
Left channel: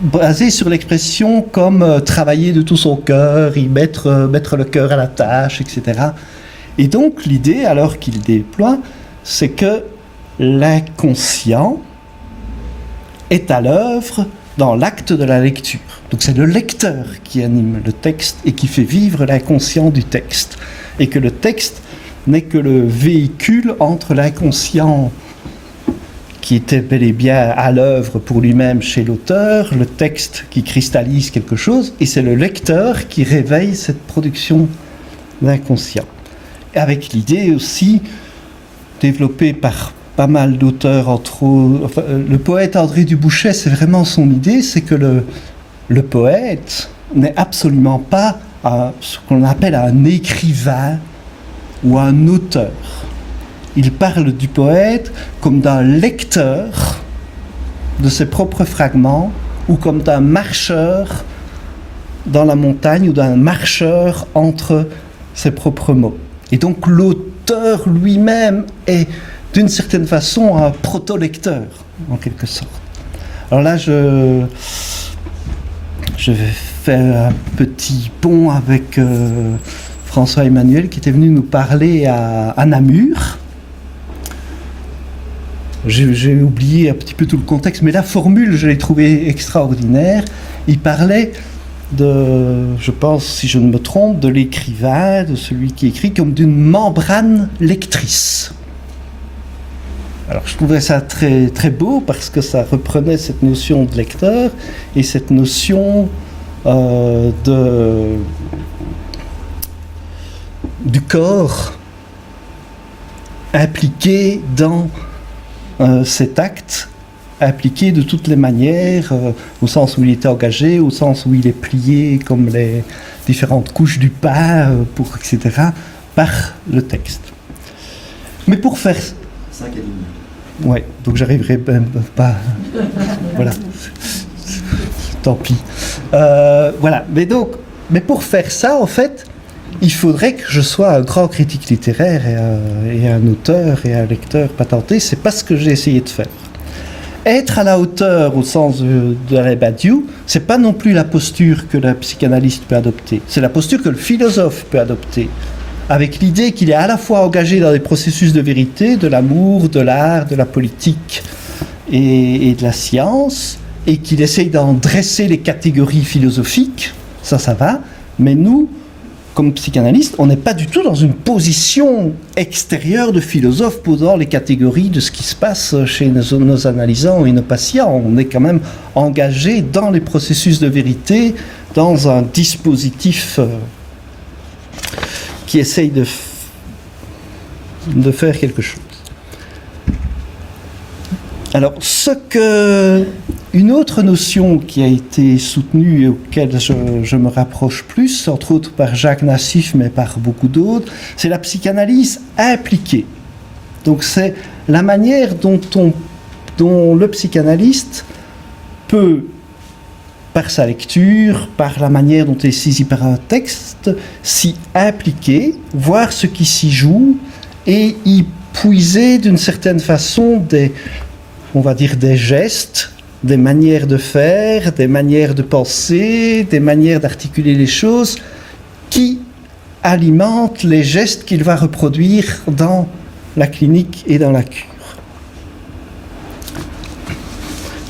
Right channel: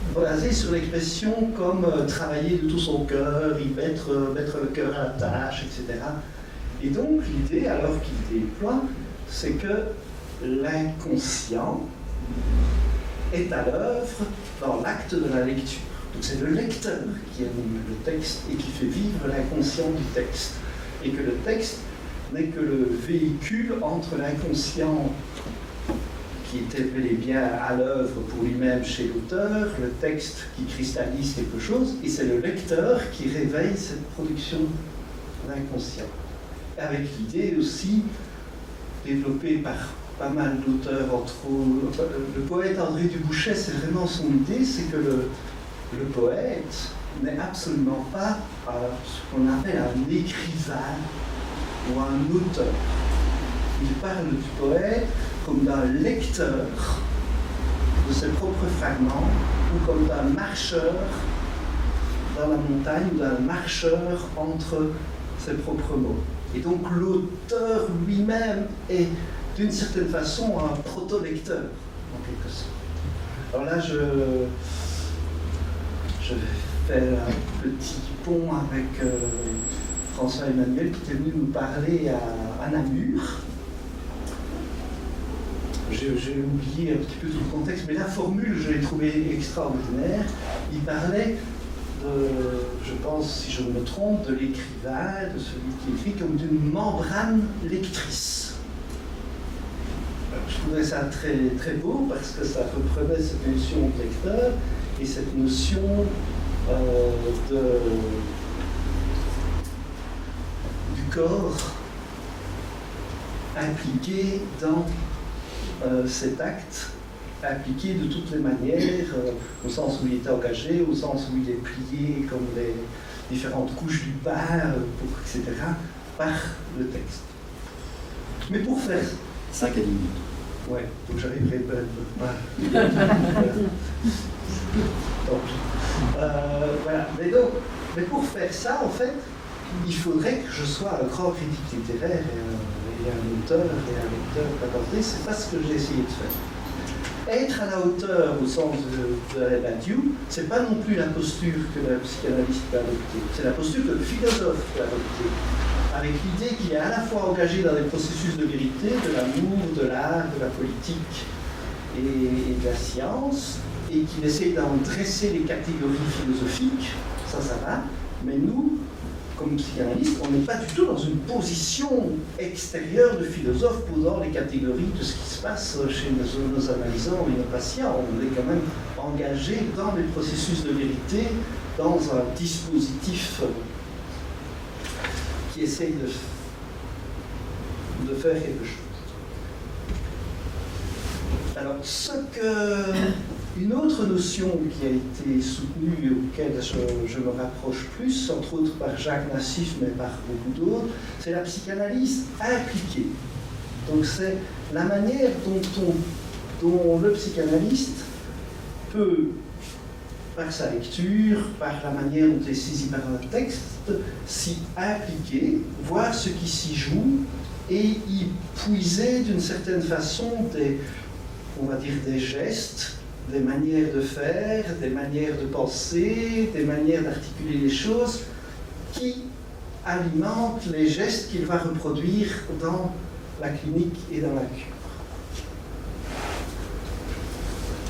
basé sur l'expression comme travailler de tout son cœur, y mettre le cœur à la tâche, etc. Et donc l'idée, alors qu'il déploie, c'est que l'inconscient est à l'œuvre dans l'acte de la lecture. Donc c'est le lecteur qui anime le texte et qui fait vivre l'inconscient du texte. Et que le texte n'est que le véhicule entre l'inconscient qui était bel et bien à l'œuvre pour lui-même chez l'auteur, le texte qui cristallise quelque chose, et c'est le lecteur qui réveille cette production d'inconscient. Avec l'idée aussi, développée par pas mal d'auteurs, entre autres, enfin, le poète André Dubouchet, c'est vraiment son idée, c'est que le poète n'est absolument pas ce qu'on appelle un écrivain ou un auteur. Il parle du poète comme d'un lecteur de ses propres fragments ou comme d'un marcheur dans la montagne ou d'un marcheur entre ses propres mots. Et donc l'auteur lui-même est d'une certaine façon un proto-lecteur, en quelque sorte. Alors là, je vais faire un petit pont avec François Emmanuel qui était venu nous parler à Namur. J'ai oublié un petit peu tout le contexte, mais la formule, je l'ai trouvée extraordinaire. Il parlait je pense, si je ne me trompe, de l'écrivain, de celui qui écrit, comme d'une membrane lectrice. Alors je trouvais ça très, très beau parce que ça reprenait cette notion de lecteur et cette notion du corps impliqué dans cet acte, impliqué de toutes les manières, au sens où il était engagé, au sens où il est plié comme les différentes couches du pain, etc., par le texte. Mais pour faire... 5 à 10 minutes. Ouais, donc j'arriverai même pas... Voilà. Tant pis. Voilà, mais pour faire ça, en fait, il faudrait que je sois un grand critique littéraire et un auteur et un lecteur patenté. C'est pas ce que j'ai essayé de faire. Être à la hauteur au sens de la Badiou, c'est pas non plus la posture que le psychanalyste peut adopter. C'est la posture que le philosophe peut adopter, avec l'idée qu'il est à la fois engagé dans des processus de vérité, de l'amour, de l'art, de la politique et de la science, et qu'il essaye d'en dresser les catégories philosophiques. Ça va. Mais nous, comme psychanalyste, on n'est pas du tout dans une position extérieure de philosophe posant les catégories de ce qui se passe chez nos analysants et nos patients. On est quand même engagé dans les processus de vérité, dans un dispositif qui essaye de faire quelque chose. Alors, une autre notion qui a été soutenue et auquel je me rapproche plus, entre autres par Jacques Nassif, mais par beaucoup d'autres, c'est la psychanalyse impliquée. Donc c'est la manière dont le psychanalyste peut, par sa lecture, par la manière dont il est saisi par un texte, s'y impliquer, voir ce qui s'y joue et y puiser d'une certaine façon des gestes, des manières de faire, des manières de penser, des manières d'articuler les choses qui alimentent les gestes qu'il va reproduire dans la clinique et dans la cure.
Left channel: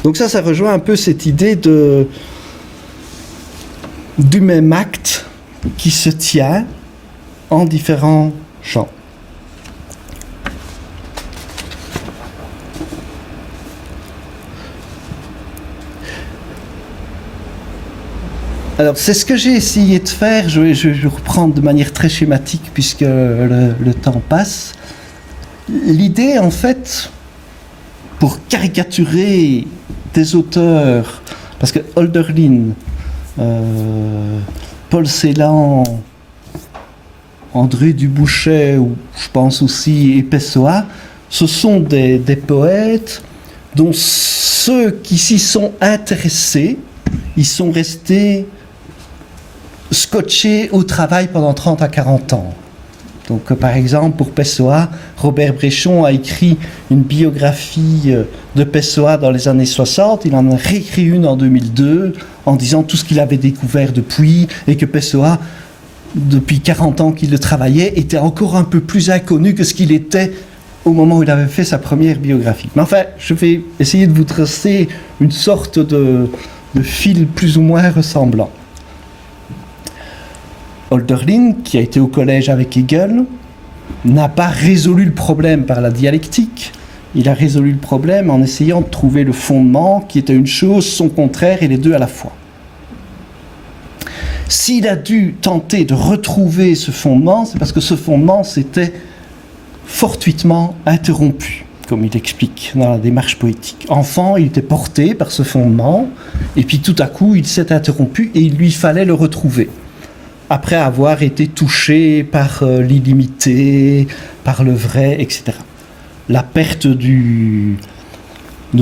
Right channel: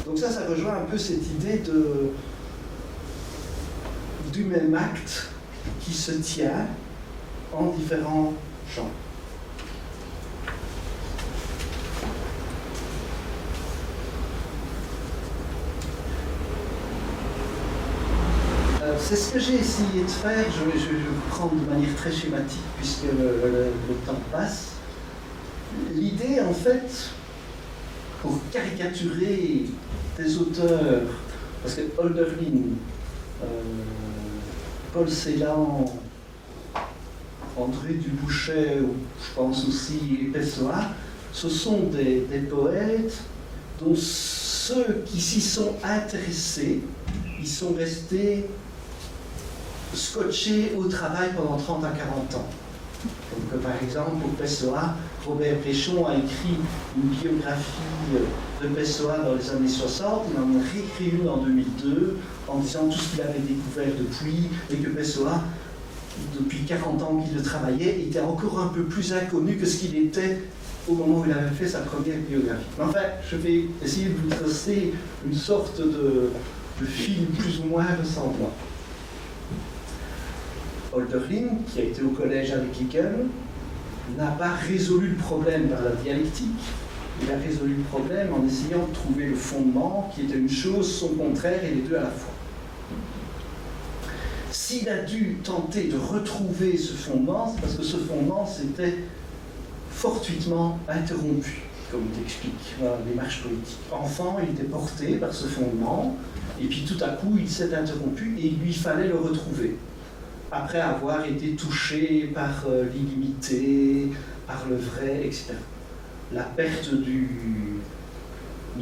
Donc ça rejoint un peu cette idée du même acte qui se tient en différents champs. Alors, c'est ce que j'ai essayé de faire. Je vais reprendre de manière très schématique puisque le temps passe. L'idée, en fait, pour caricaturer des auteurs, parce que Hölderlin, Paul Celan, André Dubouchet, ou je pense aussi, et Pessoa, ce sont des poètes dont ceux qui s'y sont intéressés, ils sont restés scotchés au travail pendant 30 à 40 ans. Donc, par exemple, pour Pessoa, Robert Bréchon a écrit une biographie de Pessoa dans les années 60. Il en a réécrit une en 2002 en disant tout ce qu'il avait découvert depuis et que Pessoa, depuis 40 ans qu'il le travaillait, était encore un peu plus inconnu que ce qu'il était au moment où il avait fait sa première biographie. Mais enfin, je vais essayer de vous tracer une sorte de fil plus ou moins ressemblant. Hölderlin, qui a été au collège avec Hegel, n'a pas résolu le problème par la dialectique. Il a résolu le problème en essayant de trouver le fondement qui était une chose, son contraire et les deux à la fois. S'il a dû tenter de retrouver ce fondement, c'est parce que ce fondement s'était fortuitement interrompu, comme il explique dans la démarche poétique. Enfant, il était porté par ce fondement, et puis tout à coup, il s'est interrompu et il lui fallait le retrouver. Après avoir été touché par l'illimité, par le vrai, etc. La perte de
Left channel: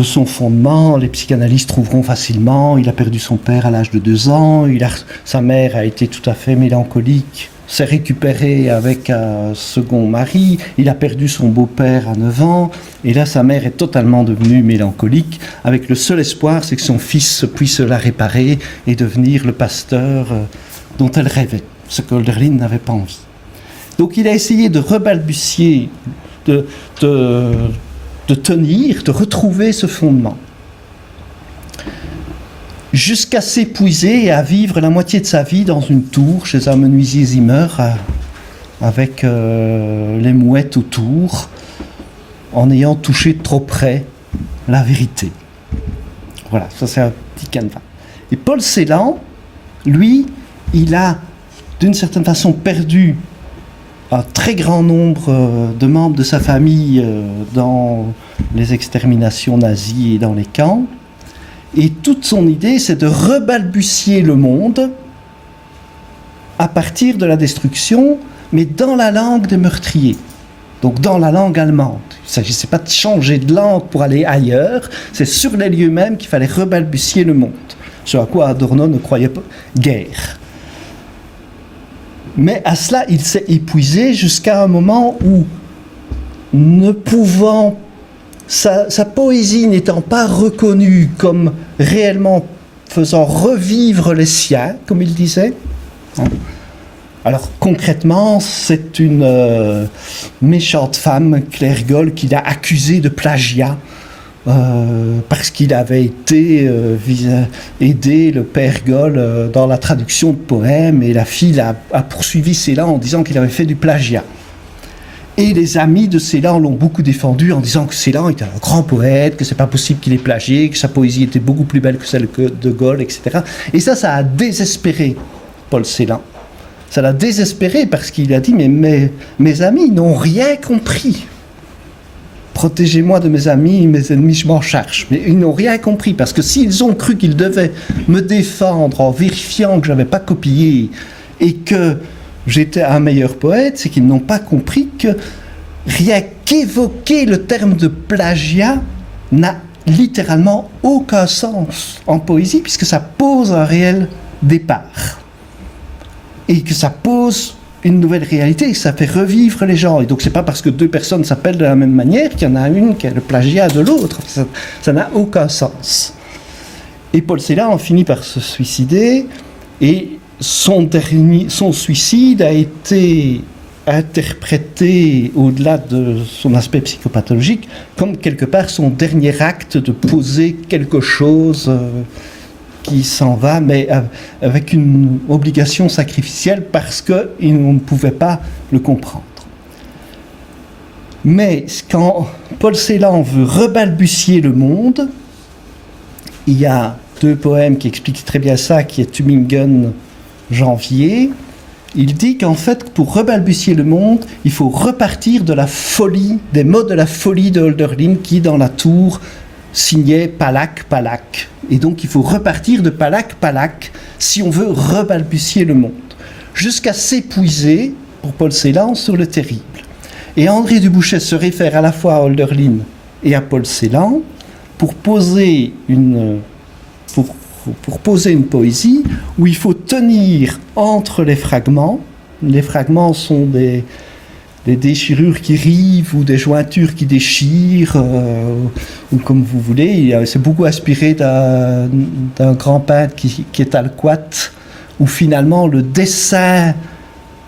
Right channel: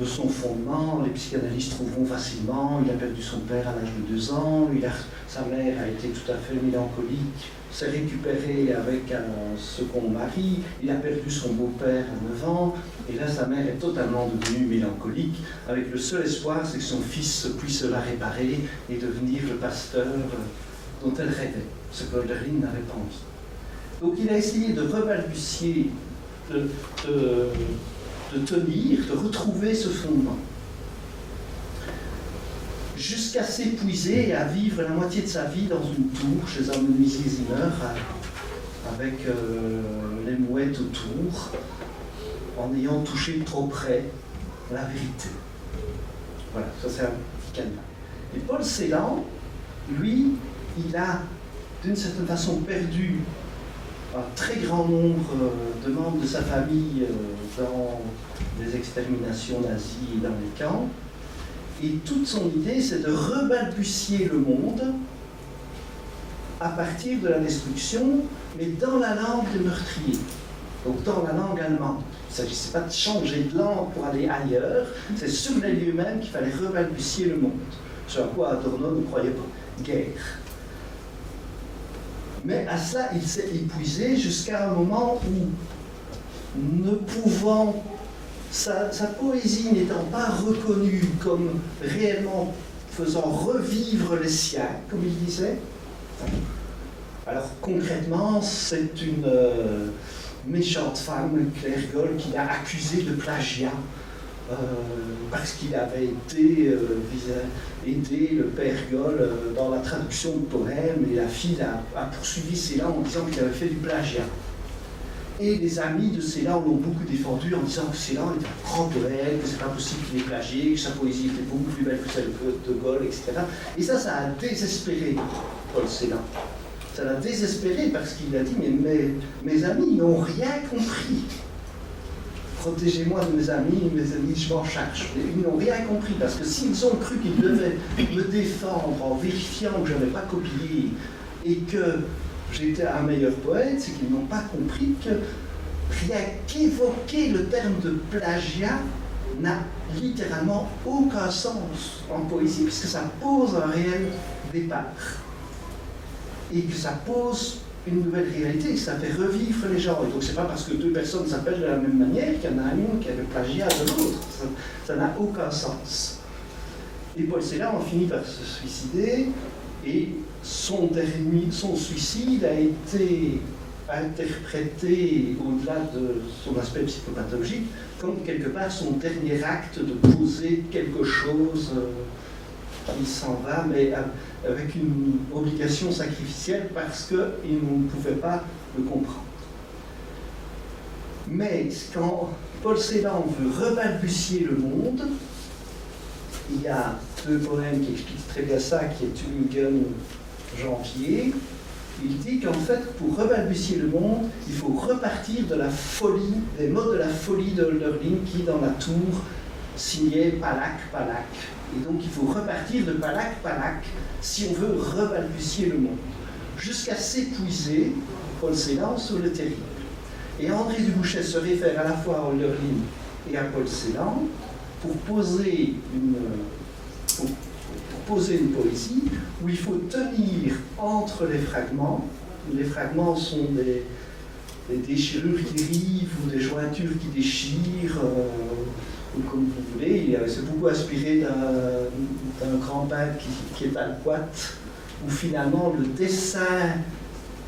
son fondement, les psychanalystes trouveront facilement. Il a perdu son père à l'âge de 2 ans, sa mère a été tout à fait mélancolique, s'est récupéré avec un second mari, il a perdu son beau-père à 9 ans, et là sa mère est totalement devenue mélancolique, avec le seul espoir, c'est que son fils puisse la réparer et devenir le pasteur dont elle rêvait, ce que Hölderlin n'avait pas envie. Donc il a essayé de rebalbutier, de tenir, de retrouver ce fondement, jusqu'à s'épuiser et à vivre la moitié de sa vie dans une tour chez un menuisier Zimmer, avec les mouettes autour, en ayant touché de trop près la vérité. Voilà, ça c'est un petit canevas. Et Paul Celan, lui, il a d'une certaine façon perdu un très grand nombre de membres de sa famille dans les exterminations nazies et dans les camps. Et toute son idée, c'est de rebalbutier le monde à partir de la destruction, mais dans la langue des meurtriers, donc dans la langue allemande. Il ne s'agissait pas de changer de langue pour aller ailleurs, c'est sur les lieux mêmes qu'il fallait rebalbutier le monde, ce à quoi Adorno ne croyait pas guère. Mais à cela, il s'est épuisé jusqu'à un moment où, ne pouvant, sa poésie n'étant pas reconnue comme réellement faisant revivre les siens, comme il disait. Alors concrètement, c'est une méchante femme, Claire Goll, qui l'a accusé de plagiat. Parce qu'il avait été aider le père Goll dans la traduction de poèmes, et la fille a poursuivi Celan en disant qu'il avait fait du plagiat. Et les amis de Celan l'ont beaucoup défendu en disant que Celan était un grand poète, que c'est pas possible qu'il ait plagié, que sa poésie était beaucoup plus belle que celle de Goll, etc. Et ça a désespéré Paul Celan. Ça l'a désespéré parce qu'il a dit mais mes amis n'ont rien compris. Protégez-moi de mes amis, mes ennemis, je m'en charge. Mais ils n'ont rien compris, parce que s'ils ont cru qu'ils devaient me défendre en vérifiant que je n'avais pas copié et que j'étais un meilleur poète, c'est qu'ils n'ont pas compris que rien qu'évoquer le terme de plagiat n'a littéralement aucun sens en poésie, puisque ça pose un réel départ. Et que ça pose une nouvelle réalité, et ça fait revivre les gens. Et donc c'est pas parce que 2 personnes s'appellent de la même manière qu'il y en a une qui est le plagiat de l'autre. Ça n'a aucun sens. Et Paul Celan en finit par se suicider, et son suicide a été interprété, au-delà de son aspect psychopathologique, comme quelque part son dernier acte de poser quelque chose qui s'en va, mais avec une obligation sacrificielle, parce qu'on ne pouvait pas le comprendre. Mais quand Paul Celan veut rebalbutier le monde, il y a deux poèmes qui expliquent très bien ça, qui est Tübingen, Janvier. Il dit qu'en fait, pour rebalbutier le monde, il faut repartir de la folie, des mots de la folie de Hölderlin qui, dans la tour, signait Palak, Palak. Et donc, il faut repartir de Palak, Palak si on veut rebalbutier le monde. Jusqu'à s'épuiser, pour Paul Celan, sur le terrible. Et André Dubouchet se réfère à la fois à Hölderlin et à Paul Celan pour poser une poésie où il faut tenir entre les fragments. Les fragments sont des déchirures qui rivent ou des jointures qui déchirent, ou comme vous voulez. C'est beaucoup inspiré d'un grand peintre qui est Alquat, où finalement le dessin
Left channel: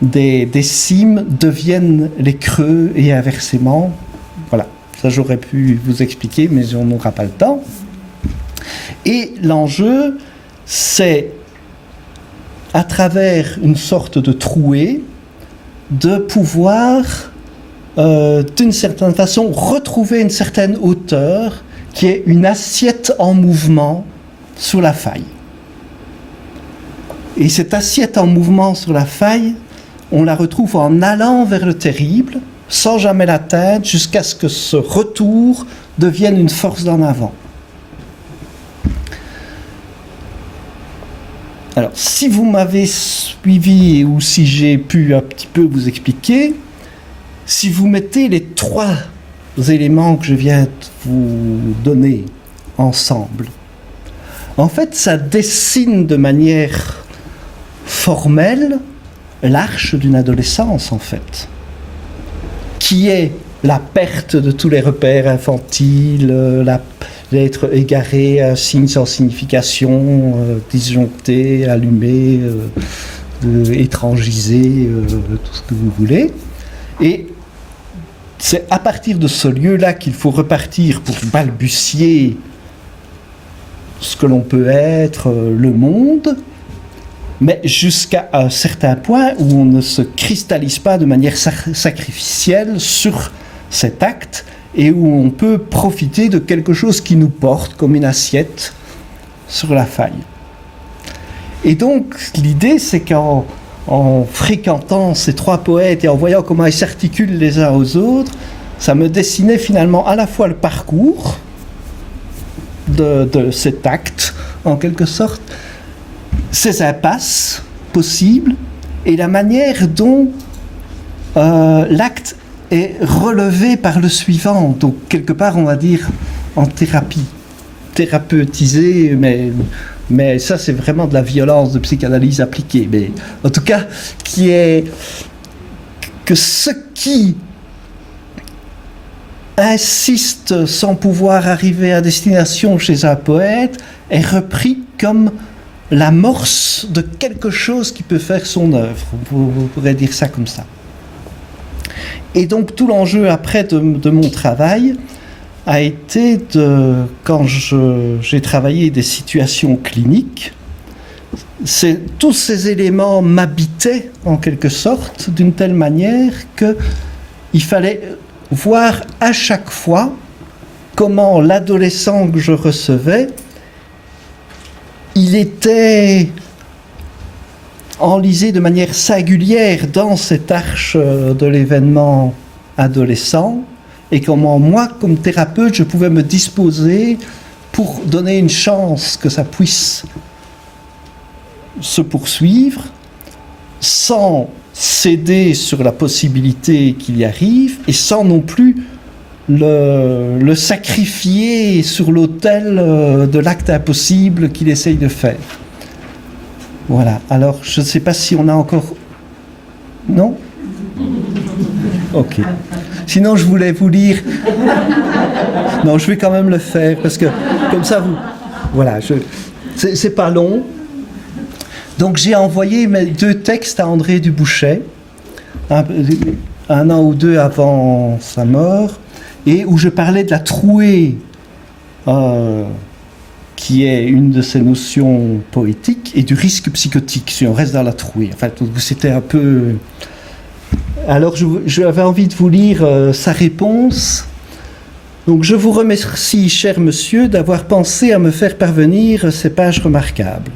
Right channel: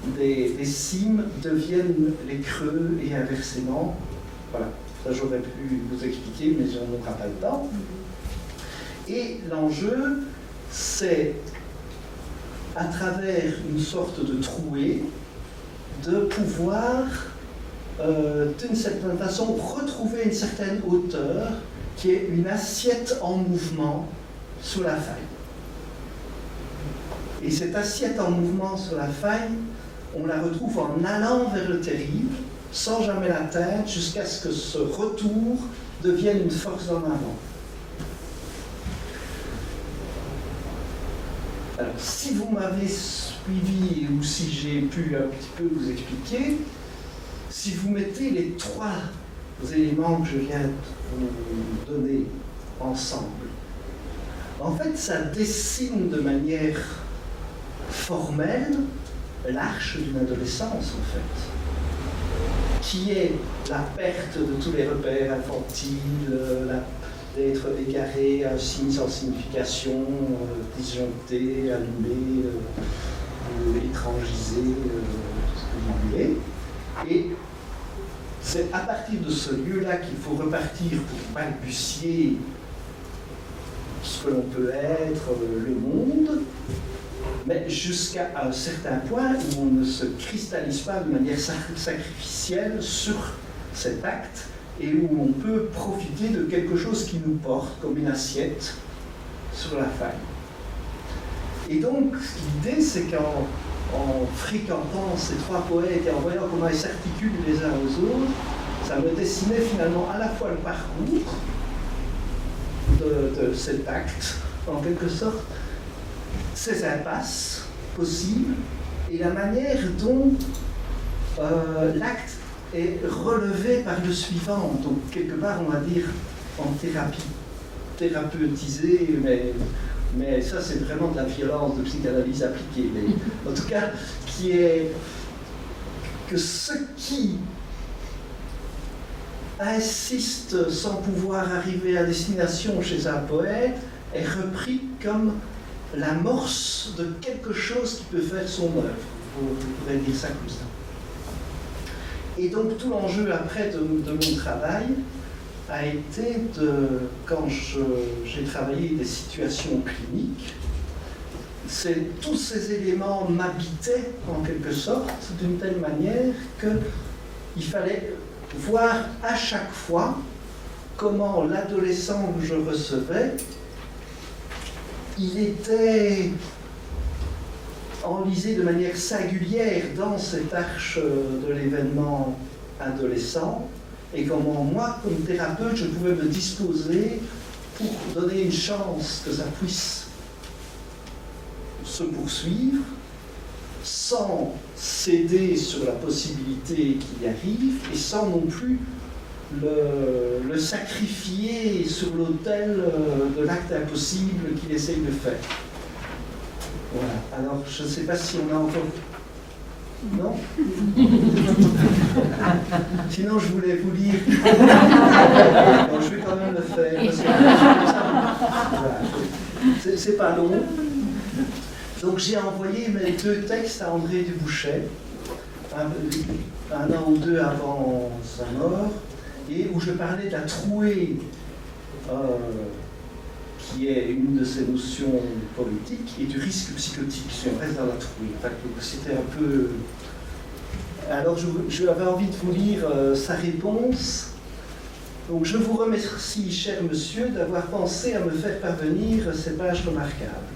des cimes deviennent les creux et inversement. Voilà, ça j'aurais pu vous expliquer, mais on n'aura pas le temps. Et l'enjeu, c'est, à travers une sorte de trouée, de pouvoir, d'une certaine façon, retrouver une certaine hauteur qui est une assiette en mouvement sous la faille. Et cette assiette en mouvement sur la faille, on la retrouve en allant vers le terrible, sans jamais l'atteindre, jusqu'à ce que ce retour devienne une force d'en avant. Alors, si vous m'avez suivi ou si j'ai pu un petit peu vous expliquer, si vous mettez les trois éléments que je viens de vous donner ensemble, en fait, ça dessine de manière formelle l'arche d'une adolescence, en fait, qui est la perte de tous les repères infantiles, l'être égaré, un signe sans signification, disjoncté, allumé, étrangisé, tout ce que vous voulez. Et c'est à partir de ce lieu-là qu'il faut repartir pour balbutier ce que l'on peut être, le monde, mais jusqu'à un certain point où on ne se cristallise pas de manière sacrificielle sur cet acte, et où on peut profiter de quelque chose qui nous porte comme une assiette sur la faille. Et donc l'idée, c'est qu'en fréquentant ces trois poètes et en voyant comment ils s'articulent les uns aux autres, ça me dessinait finalement à la fois le parcours de cet acte, en quelque sorte, ses impasses possibles, et la manière dont l'acte est relevé par le suivant, donc quelque part on va dire en thérapie, thérapeutisé, mais ça c'est vraiment de la violence de psychanalyse appliquée, mais en tout cas qui est que ce qui insiste sans pouvoir arriver à destination chez un poète est repris comme l'amorce de quelque chose qui peut faire son œuvre, vous pourrez dire ça comme ça. Et donc tout l'enjeu après de mon travail a été quand j'ai travaillé des situations cliniques, tous ces éléments m'habitaient en quelque sorte d'une telle manière qu'il fallait voir à chaque fois comment l'adolescent que je recevais, il était enlisé de manière singulière dans cette arche de l'événement adolescent, et comment moi, comme thérapeute, je pouvais me disposer pour donner une chance que ça puisse se poursuivre, sans céder sur la possibilité qu'il y arrive, et sans non plus le sacrifier sur l'autel de l'acte impossible qu'il essaye de faire. Voilà, alors je ne sais pas si on a encore... Non ? Ok. Sinon je voulais vous lire... Non, je vais quand même le faire, parce que comme ça vous... Voilà, c'est pas long. Donc j'ai envoyé mes 2 textes à André Dubouchet, un an ou 2 avant sa mort, et où je parlais de la trouée, qui est une de ces notions poétiques, et du risque psychotique, si on reste dans la trouée. Enfin, c'était un peu... Alors, j'avais envie de vous lire sa réponse Donc je vous remercie, cher monsieur, d'avoir pensé à me faire parvenir ces pages remarquables,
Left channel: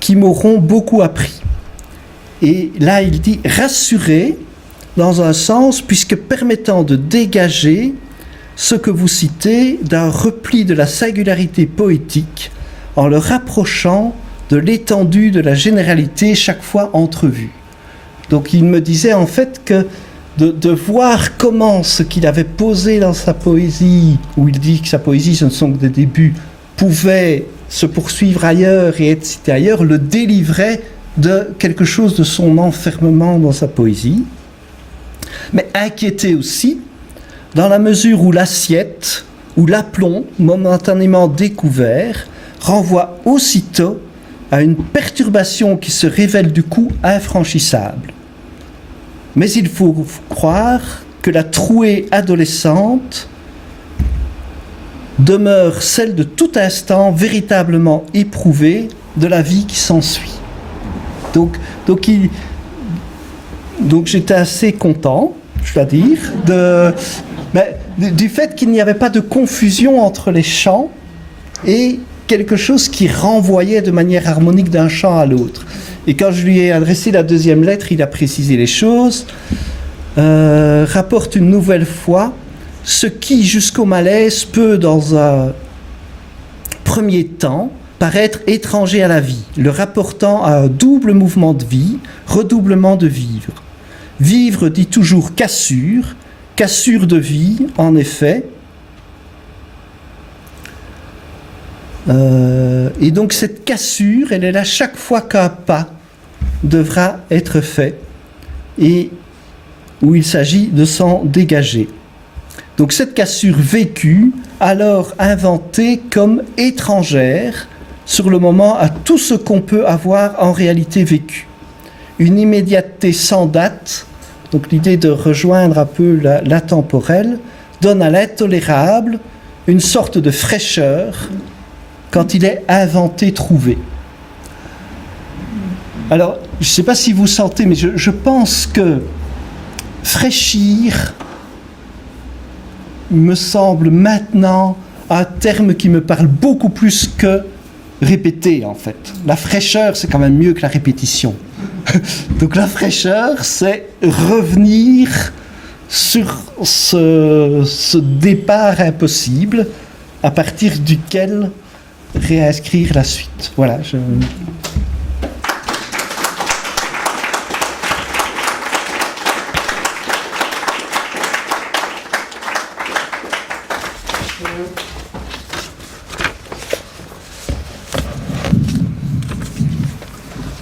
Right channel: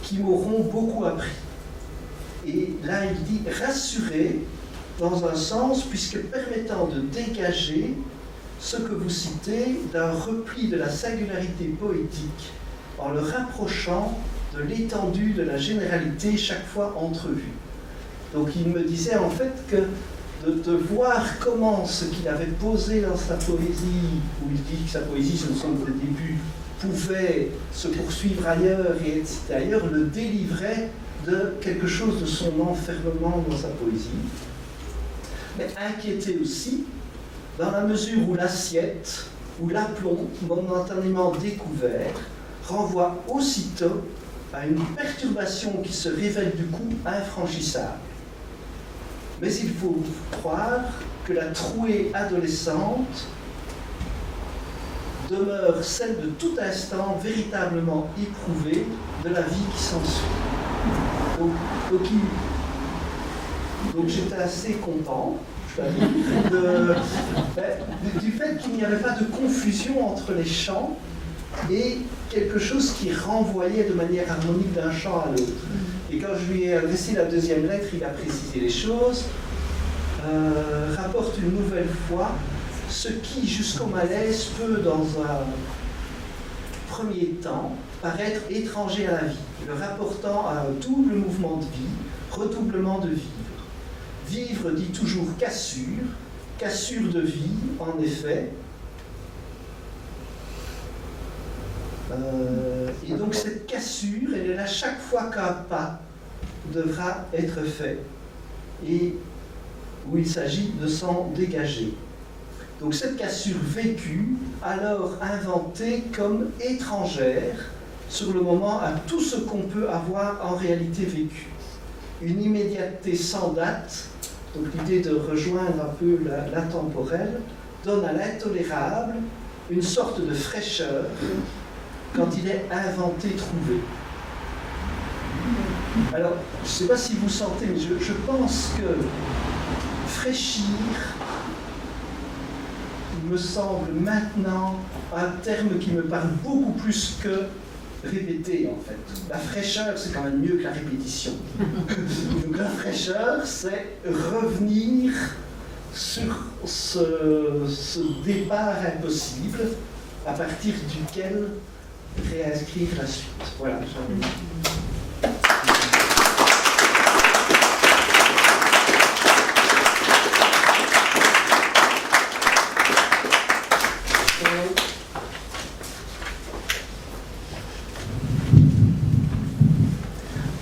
qui m'auront beaucoup appris. Et là, il dit « rassurer » dans un sens, puisque permettant de dégager ce que vous citez d'un repli de la singularité poétique en le rapprochant de l'étendue de la généralité chaque fois entrevue. Donc il me disait en fait que de voir comment ce qu'il avait posé dans sa poésie, où il dit que sa poésie ce ne sont que des débuts, pouvait se poursuivre ailleurs et être cité ailleurs, le délivrait de quelque chose de son enfermement dans sa poésie, mais inquiété aussi dans la mesure où l'assiette ou l'aplomb momentanément découvert renvoie aussitôt à une perturbation qui se révèle du coup infranchissable. Mais il faut croire que la trouée adolescente demeure celle de tout instant véritablement éprouvée de la vie qui s'ensuit. Donc j'étais assez content, je dois dire, du fait qu'il n'y avait pas de confusion entre les chants et quelque chose qui renvoyait de manière harmonique d'un chant à l'autre. Et quand je lui ai adressé la deuxième lettre, il a précisé les choses, rapporte une nouvelle fois ce qui, jusqu'au malaise, peut, dans un premier temps, paraître étranger à la vie, le rapportant à un double mouvement de vie, redoublement de vivre. Vivre dit toujours cassure, cassure de vie, en effet. Et donc cette cassure, elle est là chaque fois qu'un pas devra être fait et où il s'agit de s'en dégager. Donc cette cassure vécue, alors inventée comme étrangère sur le moment à tout ce qu'on peut avoir en réalité vécu. Une immédiateté sans date, donc l'idée de rejoindre un peu l'intemporel, donne à l'intolérable une sorte de fraîcheur quand il est inventé, trouvé. Alors, je ne sais pas si vous sentez, mais je pense que fraîchir me semble maintenant un terme qui me parle beaucoup plus que répéter, en fait. La fraîcheur, c'est quand même mieux que la répétition. Donc la fraîcheur, c'est revenir sur ce départ impossible à partir duquel réinscrire la suite. Voilà.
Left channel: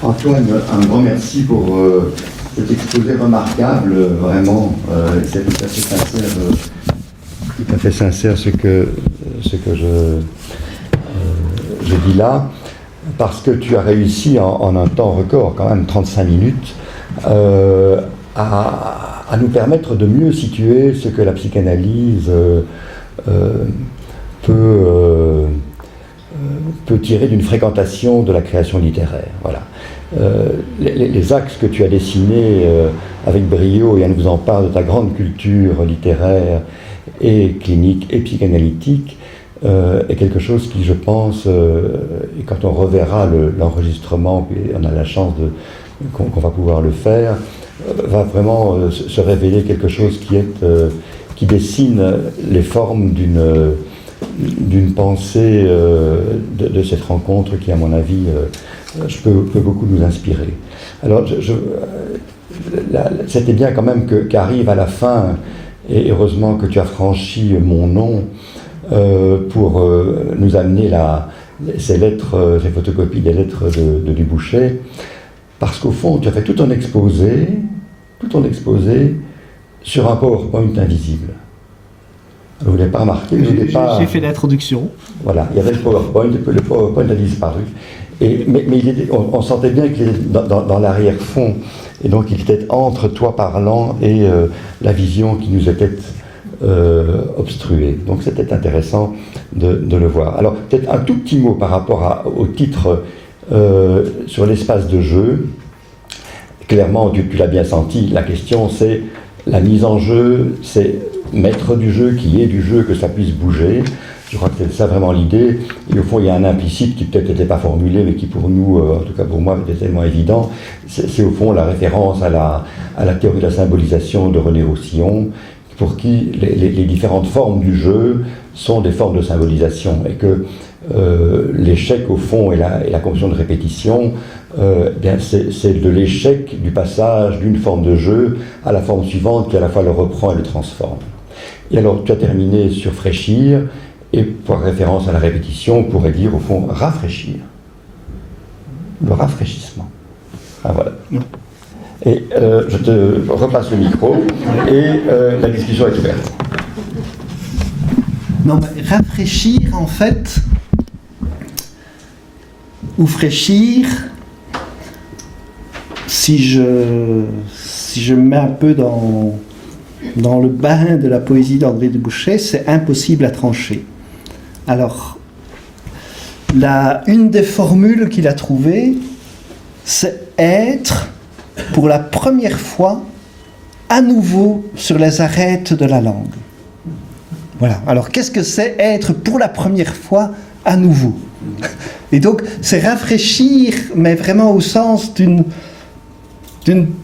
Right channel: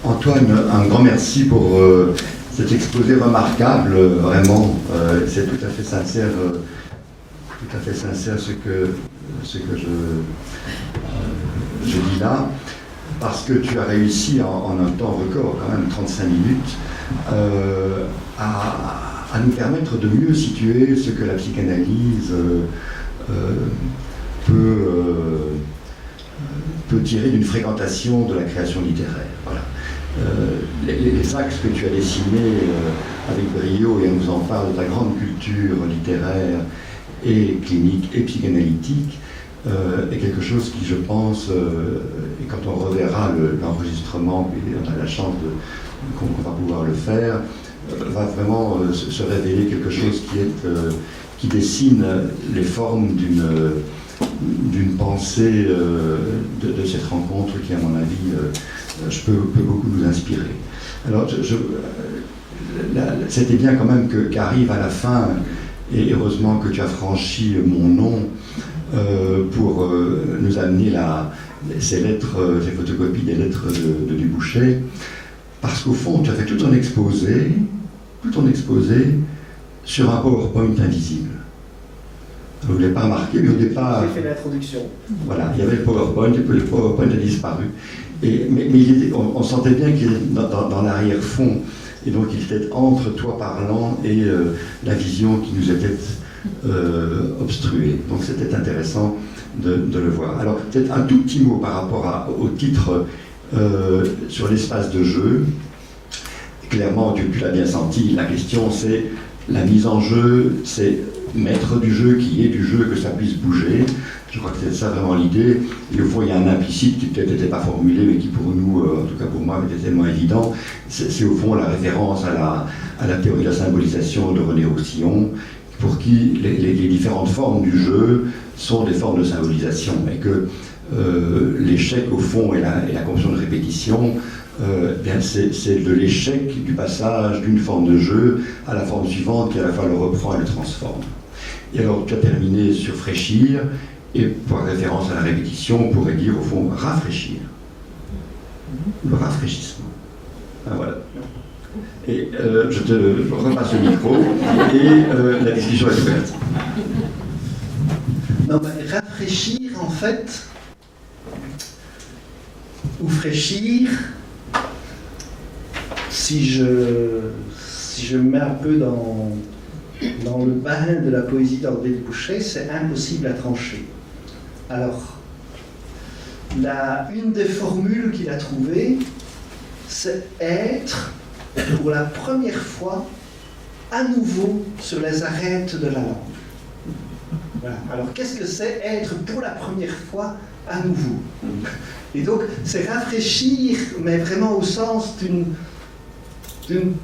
Antoine, un grand merci pour cet exposé remarquable, vraiment, c'est tout à fait sincère ce que je dis là, parce que tu as réussi en un temps record, quand même 35 minutes, à nous permettre de mieux situer ce que la psychanalyse peut tirer d'une fréquentation de la création littéraire. Voilà. Les axes que tu as dessinés avec brio, et elle nous en parle de ta grande culture littéraire et clinique et psychanalytique, est quelque chose qui, je pense, et quand on reverra l'enregistrement, et on a la chance qu'on va pouvoir le faire, va vraiment se révéler quelque chose qui dessine les formes d'une pensée de cette rencontre qui, à mon avis, peut beaucoup nous inspirer. Alors, c'était bien quand même qu'arrive à la fin, et heureusement que tu as franchi mon nom pour nous amener ces lettres, ces photocopies des lettres de Dubouchet, parce qu'au fond, tu as fait tout ton exposé sur un PowerPoint invisible. Vous ne l'avez pas remarqué, j'ai fait l'introduction. Voilà, il y avait le PowerPoint a disparu. Mais on sentait bien qu'il était dans l'arrière-fond, et donc il était entre toi parlant et la vision qui nous était obstruée. Donc c'était intéressant de le voir. Alors peut-être un tout petit mot par rapport au titre sur l'espace de jeu. Clairement, tu l'as bien senti, la question c'est la mise en jeu, c'est maître du jeu, qui est du jeu, que ça puisse bouger. Je crois que c'est ça vraiment l'idée. Et au fond, il y a un implicite qui peut-être n'était pas formulé, mais qui pour nous, en tout cas pour moi, était tellement évident. C'est au fond la référence à la théorie de la symbolisation de René Roussillon, pour qui les différentes formes du jeu sont des formes de symbolisation. Et que l'échec, au fond, et la compréhension de répétition, bien c'est de l'échec du passage d'une forme de jeu à la forme suivante qui à la fois le reprend et le transforme. Et alors, tu as terminé sur fraîchir. Et pour référence à la répétition, on pourrait dire au fond rafraîchir. Le rafraîchissement. Ah voilà. Et je te repasse le micro et la discussion est ouverte. Non, rafraîchir en fait, ou fraîchir, si je me mets un peu dans le bain de la poésie d'André de Bouchet, c'est impossible à trancher. Alors, une des formules qu'il a trouvées, c'est être, pour la première fois, à nouveau sur les arêtes de la langue. Voilà. Alors, qu'est-ce que c'est être pour la première fois à nouveau? Et donc, c'est rafraîchir, mais vraiment au sens d'une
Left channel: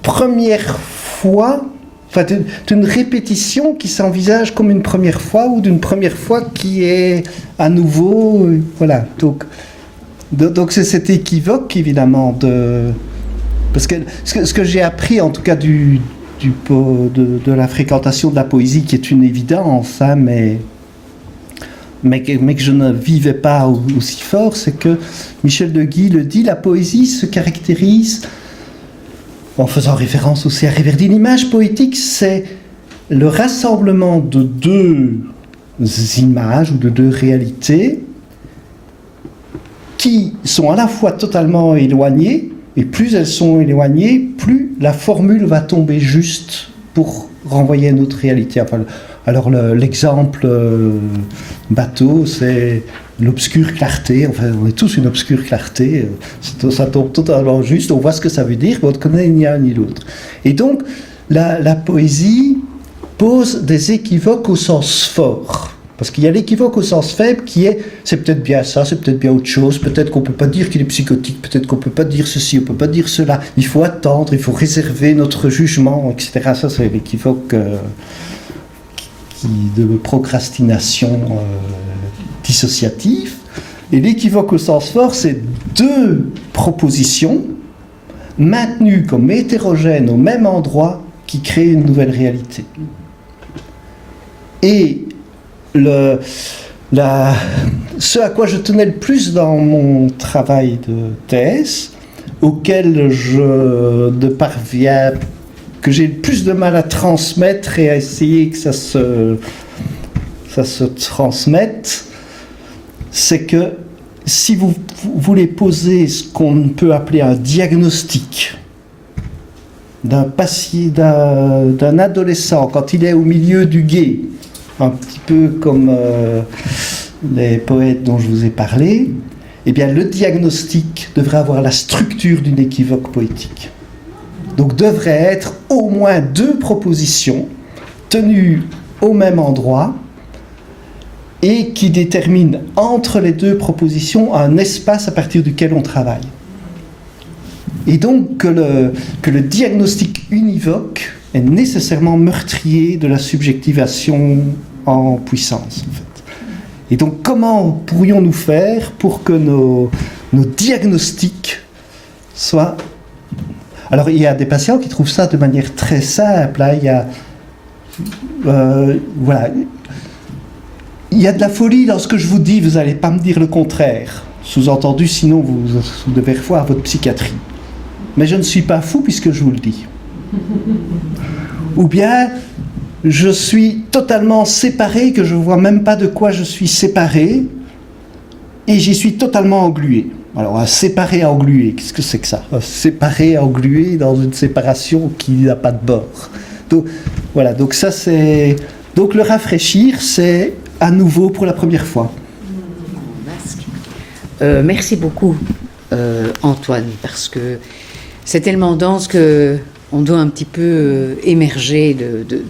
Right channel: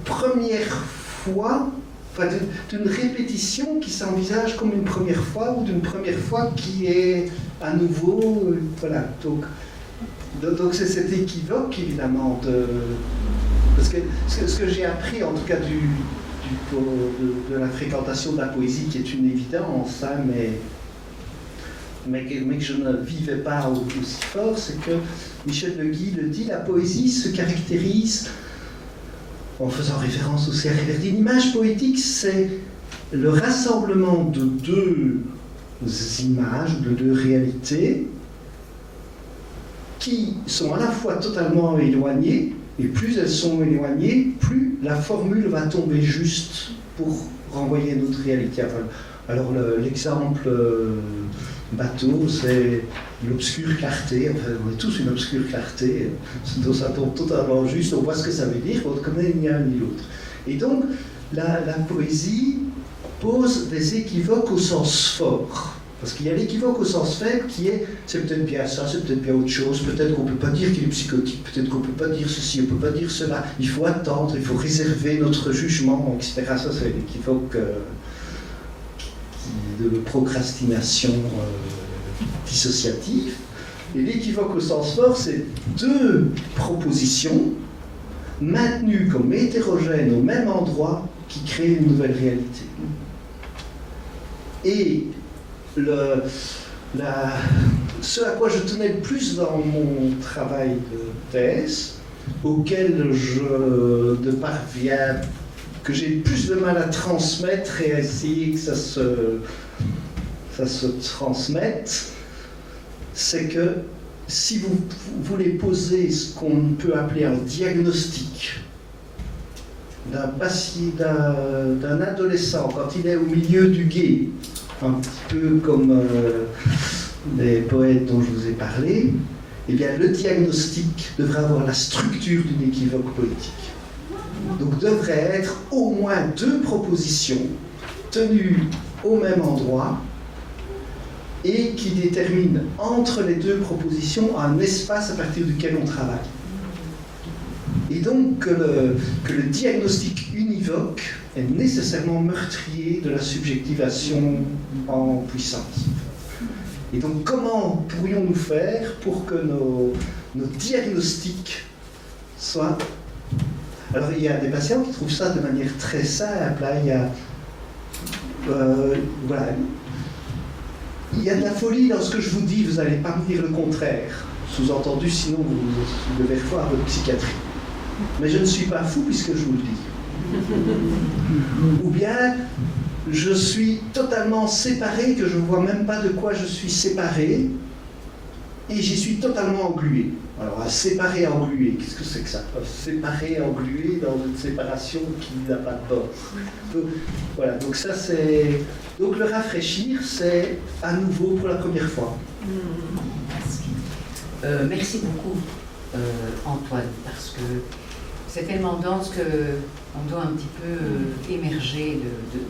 première fois, enfin, d'une répétition qui s'envisage comme une première fois, ou d'une première fois qui est à nouveau, voilà. Donc c'est cet équivoque, évidemment, parce que ce que j'ai appris, en tout cas, de la fréquentation de la poésie, qui est une évidence, hein, mais que je ne vivais pas aussi fort, c'est que Michel de Guy le dit, la poésie se caractérise, en faisant référence aussi à Riverdine, l'image poétique, c'est le rassemblement de deux images, de deux réalités, qui sont à la fois totalement éloignées, et plus elles sont éloignées, plus la formule va tomber juste pour renvoyer à une autre réalité. Enfin, alors l'exemple bateau, c'est l'obscure clarté. Enfin, on est tous une obscure clarté. Ça tombe totalement juste. On voit ce que ça veut dire, mais on ne connaît ni l'un ni l'autre. Et donc, la poésie pose des équivoques au sens fort. Parce qu'il y a l'équivoque au sens faible qui est c'est peut-être bien ça, c'est peut-être bien autre chose, peut-être qu'on ne peut pas dire qu'il est psychotique, peut-être qu'on ne peut pas dire ceci, on ne peut pas dire cela, il faut attendre, il faut réserver notre jugement, etc. Ça, c'est l'équivoque de procrastination dissociative. Et l'équivoque au sens fort, c'est deux propositions maintenues comme hétérogènes au même endroit qui créent une nouvelle réalité. Et ce à quoi je tenais le plus dans mon travail de thèse, auquel que j'ai le plus de mal à transmettre et à essayer que ça se transmette, c'est que si vous voulez poser ce qu'on peut appeler un diagnostic d'un adolescent quand il est au milieu du gué, un petit peu comme les poètes dont je vous ai parlé, eh bien le diagnostic devrait avoir la structure d'une équivoque poétique. Donc devrait être au moins deux propositions tenues au même endroit et qui déterminent entre les deux propositions un espace à partir duquel on travaille. Et donc que le diagnostic univoque est nécessairement meurtrier de la subjectivation en puissance, en fait. Et donc, comment pourrions-nous faire pour que nos diagnostics soient... Alors, il y a des patients qui trouvent ça de manière très simple. Hein. Il y a... voilà. Il y a de la folie dans ce que je vous dis, vous n'allez pas me dire le contraire. Sous-entendu, sinon vous devez revoir votre psychiatrie. Mais je ne suis pas fou puisque je vous le dis. Ou bien, je suis totalement séparé, que je ne vois même pas de quoi je suis séparé, et j'y suis totalement englué. Alors, un séparé englué, qu'est-ce que c'est que ça? Un séparé englué dans une séparation qui n'a pas de bord. Donc, voilà, donc ça c'est... Donc le rafraîchir, c'est à nouveau pour la première fois. Merci beaucoup, Antoine, parce que c'est tellement dense que on doit un petit peu émerger de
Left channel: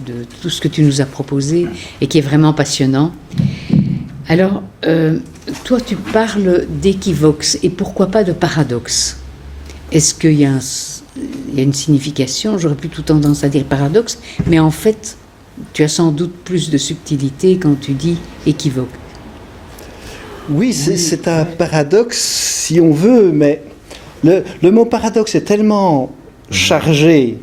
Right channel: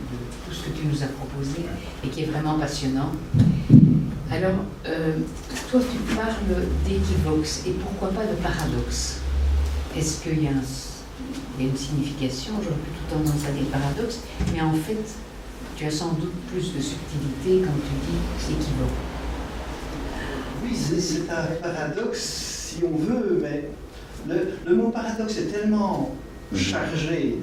tout ce que tu nous as proposé et qui est vraiment passionnant. Alors, toi, tu parles d'équivoques et pourquoi pas de paradoxe? Est-ce qu'il y a une signification? J'aurais plutôt tendance à dire paradoxe, mais en fait, tu as sans doute plus de subtilité quand tu dis équivoque. Oui, c'est un paradoxe si on veut, mais le mot paradoxe est tellement chargé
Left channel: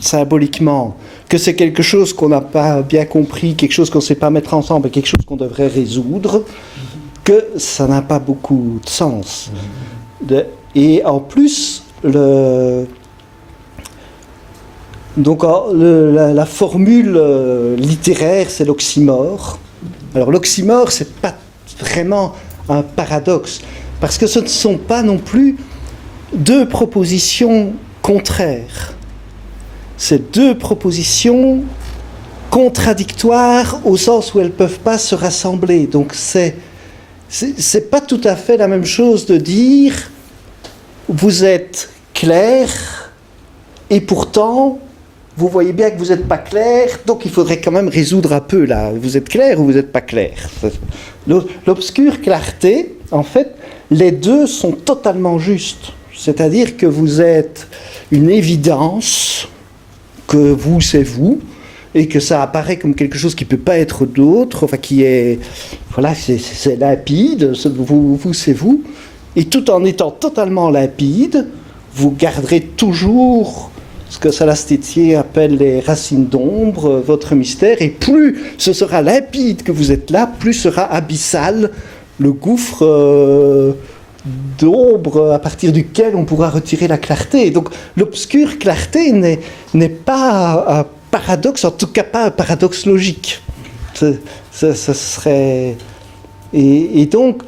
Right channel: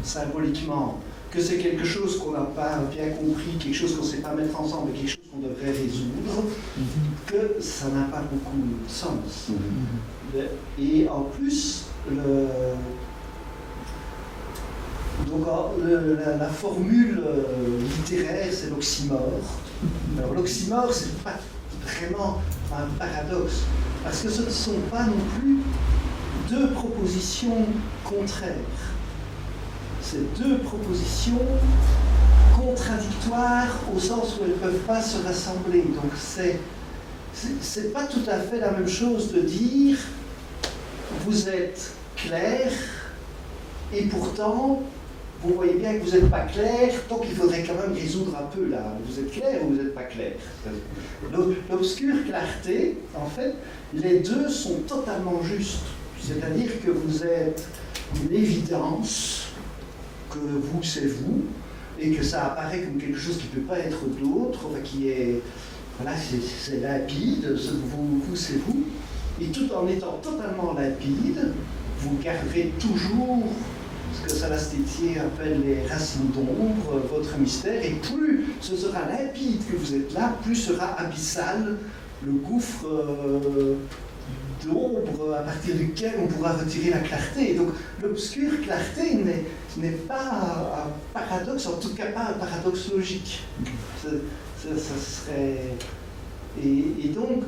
symboliquement que c'est quelque chose qu'on n'a pas bien compris, quelque chose qu'on ne sait pas mettre ensemble, quelque chose qu'on devrait résoudre, que ça n'a pas beaucoup de sens. Et en plus, la formule littéraire, c'est l'oxymore. Alors l'oxymore, c'est pas vraiment un paradoxe, parce que ce ne sont pas non plus deux propositions contraires. C'est deux propositions contradictoires au sens où elles ne peuvent pas se rassembler. Donc c'est pas tout à fait la même chose de dire vous êtes clair et pourtant vous voyez bien que vous n'êtes pas clair, donc il faudrait quand même résoudre un peu là. Vous êtes clair ou vous n'êtes pas clair? L'obscure clarté, en fait, les deux sont totalement justes. C'est-à-dire que vous êtes une évidence, que vous c'est vous, et que ça apparaît comme quelque chose qui ne peut pas être d'autre, enfin qui est, voilà, c'est limpide, vous c'est vous, et tout en étant totalement limpide, vous garderez toujours ce que Salastétier appelle les racines d'ombre, votre mystère, et plus ce sera limpide que vous êtes là, plus sera abyssal le gouffre d'ombre à partir duquel on pourra retirer la clarté. Donc l'obscure clarté n'est pas un paradoxe, en tout cas pas un paradoxe logique. Ce serait... Et donc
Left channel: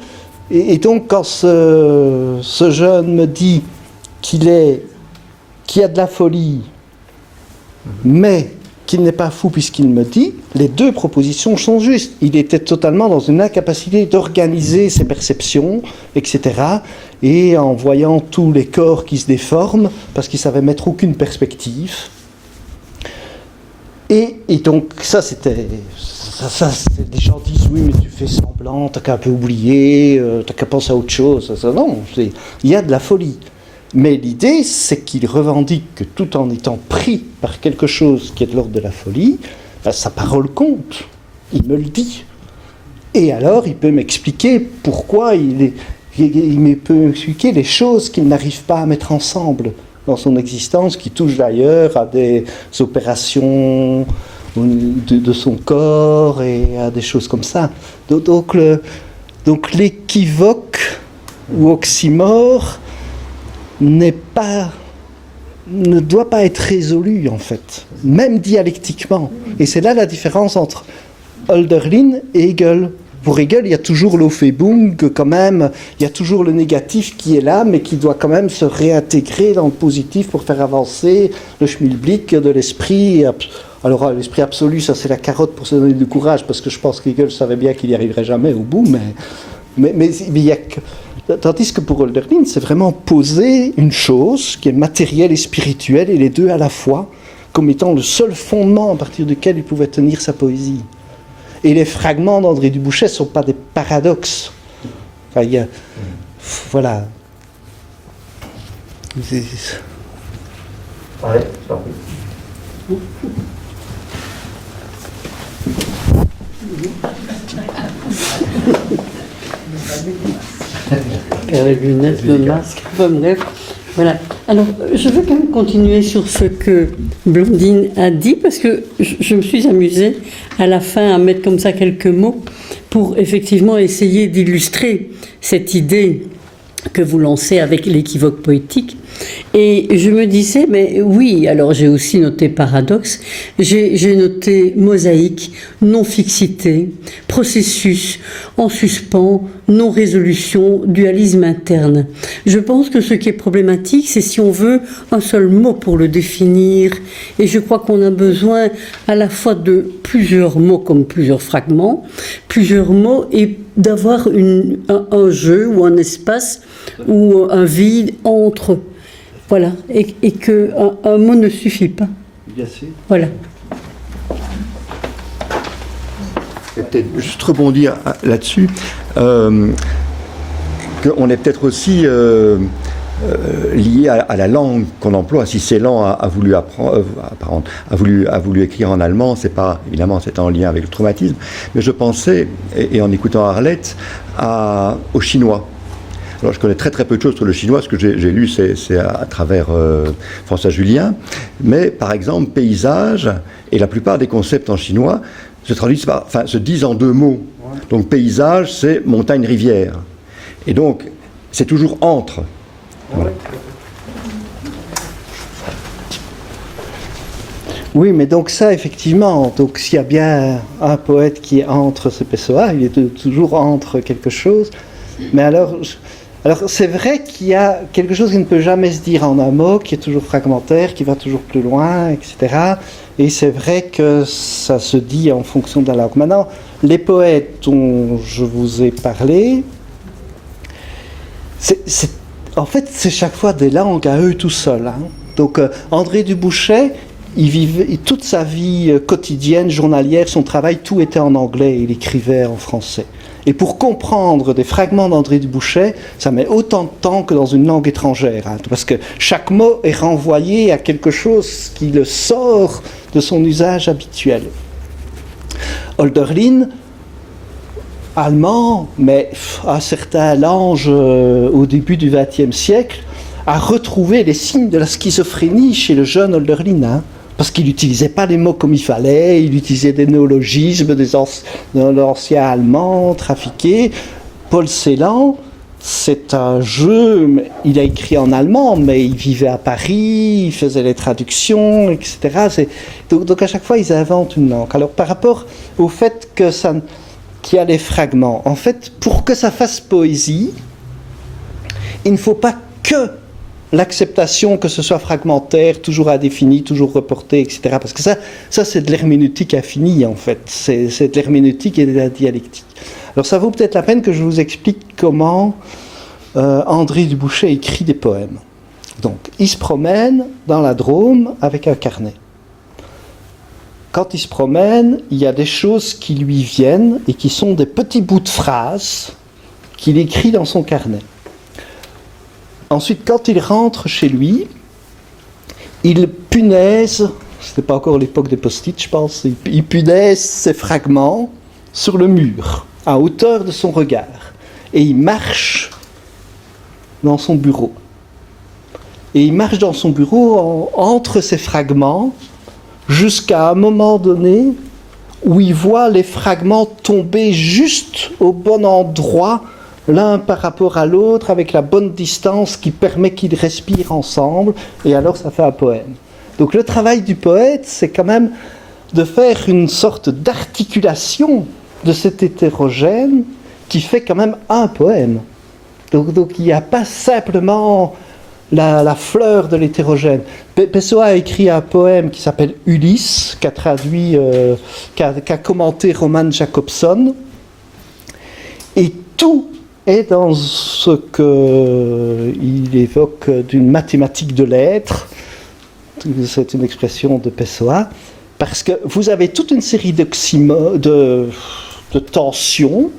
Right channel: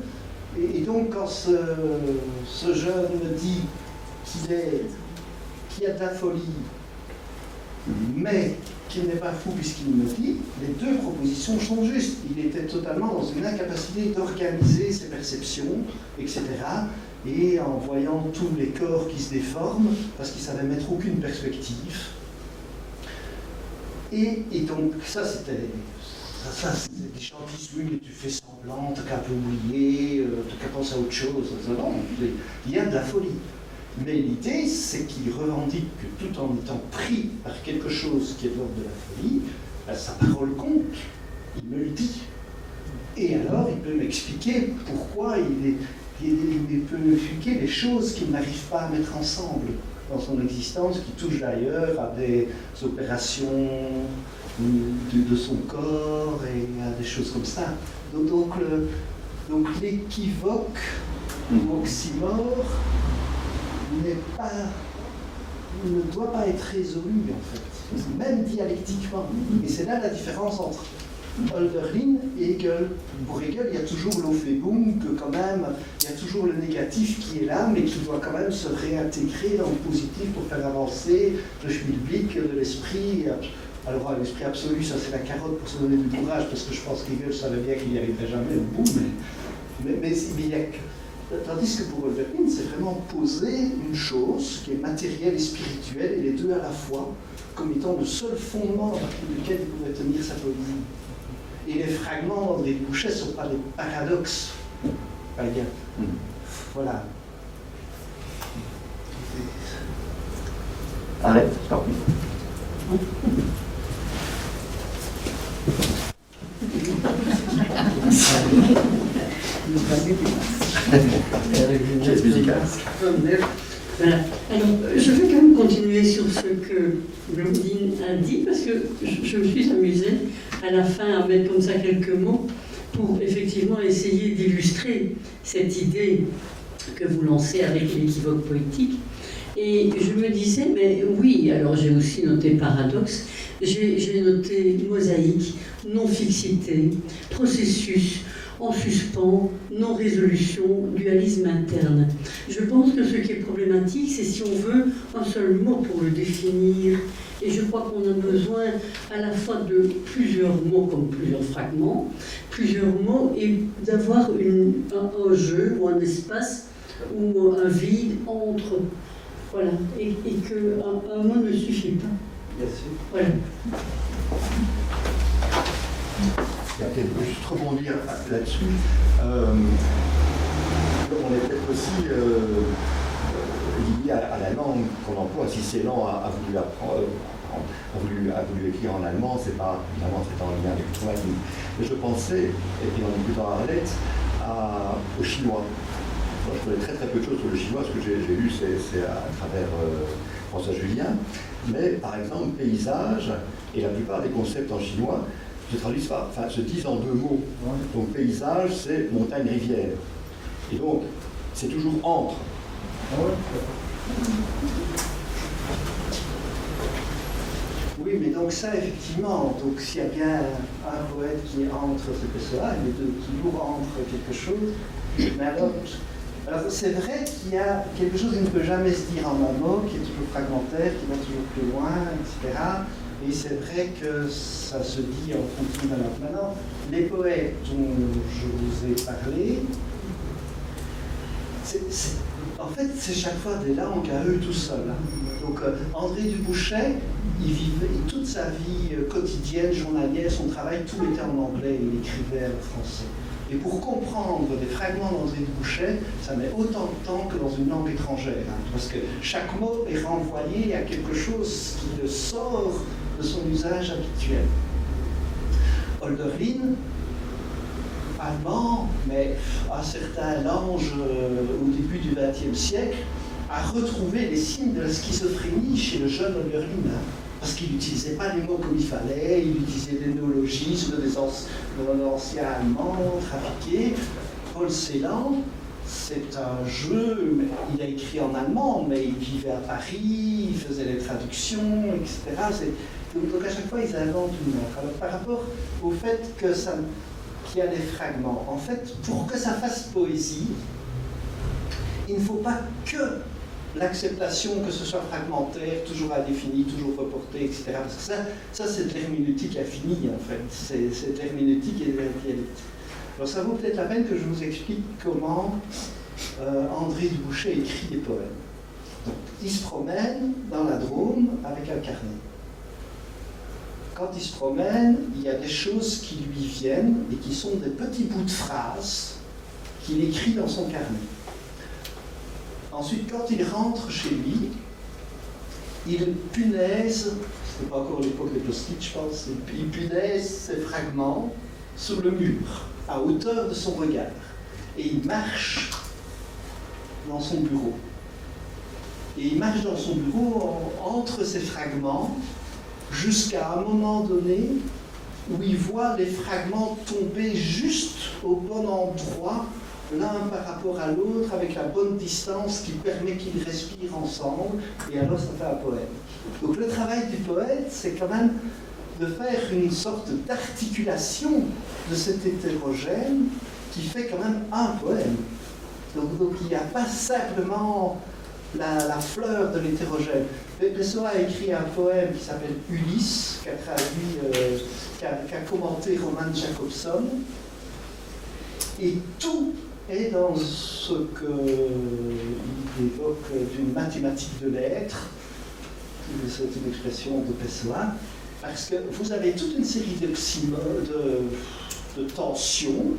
quand ce jeune me dit qu'il y a de la folie, mais qu'il n'est pas fou puisqu'il me dit, les deux propositions sont justes. Il était totalement dans une incapacité d'organiser ses perceptions, etc. Et en voyant tous les corps qui se déforment, parce qu'il ne savait mettre aucune perspective. Et donc ça, les gens disent, oui, mais tu fais semblant, t'as qu'à un peu oublier, t'as qu'à penser à autre chose. Non, il y a de la folie. Mais l'idée, c'est qu'il revendique que tout en étant pris par quelque chose qui est de l'ordre de la folie, sa parole compte. Il me le dit. Et alors, il peut m'expliquer pourquoi il peut m'expliquer les choses qu'il n'arrive pas à mettre ensemble dans son existence, qui touchent d'ailleurs à des opérations de son corps et à des choses comme ça. Donc l'équivoque ou oxymore ne doit pas être résolu en fait, même dialectiquement. Et c'est là la différence entre Hölderlin et Hegel. Pour Hegel, il y a toujours l'Aufhebung, quand même, il y a toujours le négatif qui est là, mais qui doit quand même se réintégrer dans le positif pour faire avancer le Schmilblick de l'esprit. Alors l'esprit absolu, ça c'est la carotte pour se donner du courage, parce que je pense qu'Hegel savait bien qu'il n'y arriverait jamais au bout, mais il y a que... Tandis que pour Hölderlin, c'est vraiment poser une chose qui est matérielle et spirituelle, et les deux à la fois, comme étant le seul fondement à partir duquel il pouvait tenir sa poésie. Et les fragments d'André Dubouchet ne sont pas des paradoxes. Enfin, voilà. Allez, Les lunettes, le masque, pomme d'œuf. Voilà. Alors, je veux quand même continuer sur ce que Blandine a dit, parce que je me suis amusée à la fin à mettre comme ça quelques mots pour effectivement essayer d'illustrer cette idée que vous lancez avec l'équivoque poétique. Et je me disais, mais oui, alors j'ai aussi noté paradoxe, j'ai noté mosaïque, non-fixité, processus, en suspens, non-résolution, dualisme interne. Je pense que ce qui est problématique, c'est si on veut un seul mot pour le définir. Et je crois qu'on a besoin à la fois de plusieurs mots comme plusieurs fragments, plusieurs mots, et d'avoir un jeu ou un espace ou un vide entre Voilà, et qu'un mot ne suffit pas. Bien sûr. Voilà. Je vais peut-être juste rebondir là-dessus, qu'on est peut-être aussi lié à la langue qu'on emploie. Si Celan a voulu a voulu écrire en allemand, c'est pas, évidemment, c'est en lien avec le traumatisme, mais je pensais, et en écoutant Arlette, au chinois. Alors, je connais très très peu de choses sur le chinois, ce que j'ai lu c'est à travers François Julien, mais par exemple paysage et la plupart des concepts en chinois se disent en deux mots. Donc paysage c'est montagne-rivière, et donc c'est toujours entre. Voilà. Oui, mais donc ça, effectivement, donc s'il y a bien un poète qui est entre, c'est Pessoa, il est toujours entre quelque chose, mais alors c'est vrai qu'il y a quelque chose qui ne peut jamais se dire en un mot, qui est toujours fragmentaire, qui va toujours plus loin, etc. Et c'est vrai que ça se dit en fonction de la langue. Maintenant, les poètes dont je vous ai parlé, en fait, c'est chaque fois des langues à eux tout seuls. Hein. Donc, André Dubouchet, il vivait toute sa vie quotidienne, journalière, son travail, tout était en anglais, il écrivait en français. Et pour comprendre des fragments d'André Dubouchet, ça met autant de temps que dans une langue étrangère, hein, parce que chaque mot est renvoyé à quelque chose qui le sort de son usage habituel. Hölderlin, allemand, mais un certain Lange au début du XXe siècle, a retrouvé les signes de la schizophrénie chez le jeune Hölderlin, hein, parce qu'il n'utilisait pas les mots comme il fallait, il utilisait des néologismes de l'ancien allemand trafiqué. Paul Celan, c'est un jeu, il a écrit en allemand, mais il vivait à Paris, il faisait les traductions, etc. Donc à chaque fois, ils inventent une langue. Alors par rapport au fait qu'il y a des fragments, en fait, pour que ça fasse poésie, il ne faut pas que l'acceptation que ce soit fragmentaire, toujours indéfini, toujours reporté, etc. Parce que ça c'est de l'herméneutique infinie, en fait. C'est de l'herméneutique et de la dialectique. Alors ça vaut peut-être la peine que je vous explique comment André Dubouchet écrit des poèmes. Donc, il se promène dans la Drôme avec un carnet. Quand il se promène, il y a des choses qui lui viennent et qui sont des petits bouts de phrases qu'il écrit dans son carnet. Ensuite, quand il rentre chez lui, il punaise, c'était pas encore l'époque des post-it, je pense, il punaise ces fragments sur le mur, à hauteur de son regard, et il marche dans son bureau. Et il marche dans son bureau entre ces fragments, jusqu'à un moment donné où il voit les fragments tomber juste au bon endroit, l'un par rapport à l'autre, avec la bonne distance qui permet qu'ils respirent ensemble, et alors ça fait un poème. Donc le travail du poète, c'est quand même de faire une sorte d'articulation de cet hétérogène qui fait quand même un poème. Donc il n'y a pas simplement la fleur de l'hétérogène. Pessoa a écrit un poème qui s'appelle Ulysse, qu'a commenté Roman Jakobson, et tout est dans ce qu'il évoque d'une mathématique de l'être. C'est une expression de Pessoa, parce que vous avez toute une série de tensions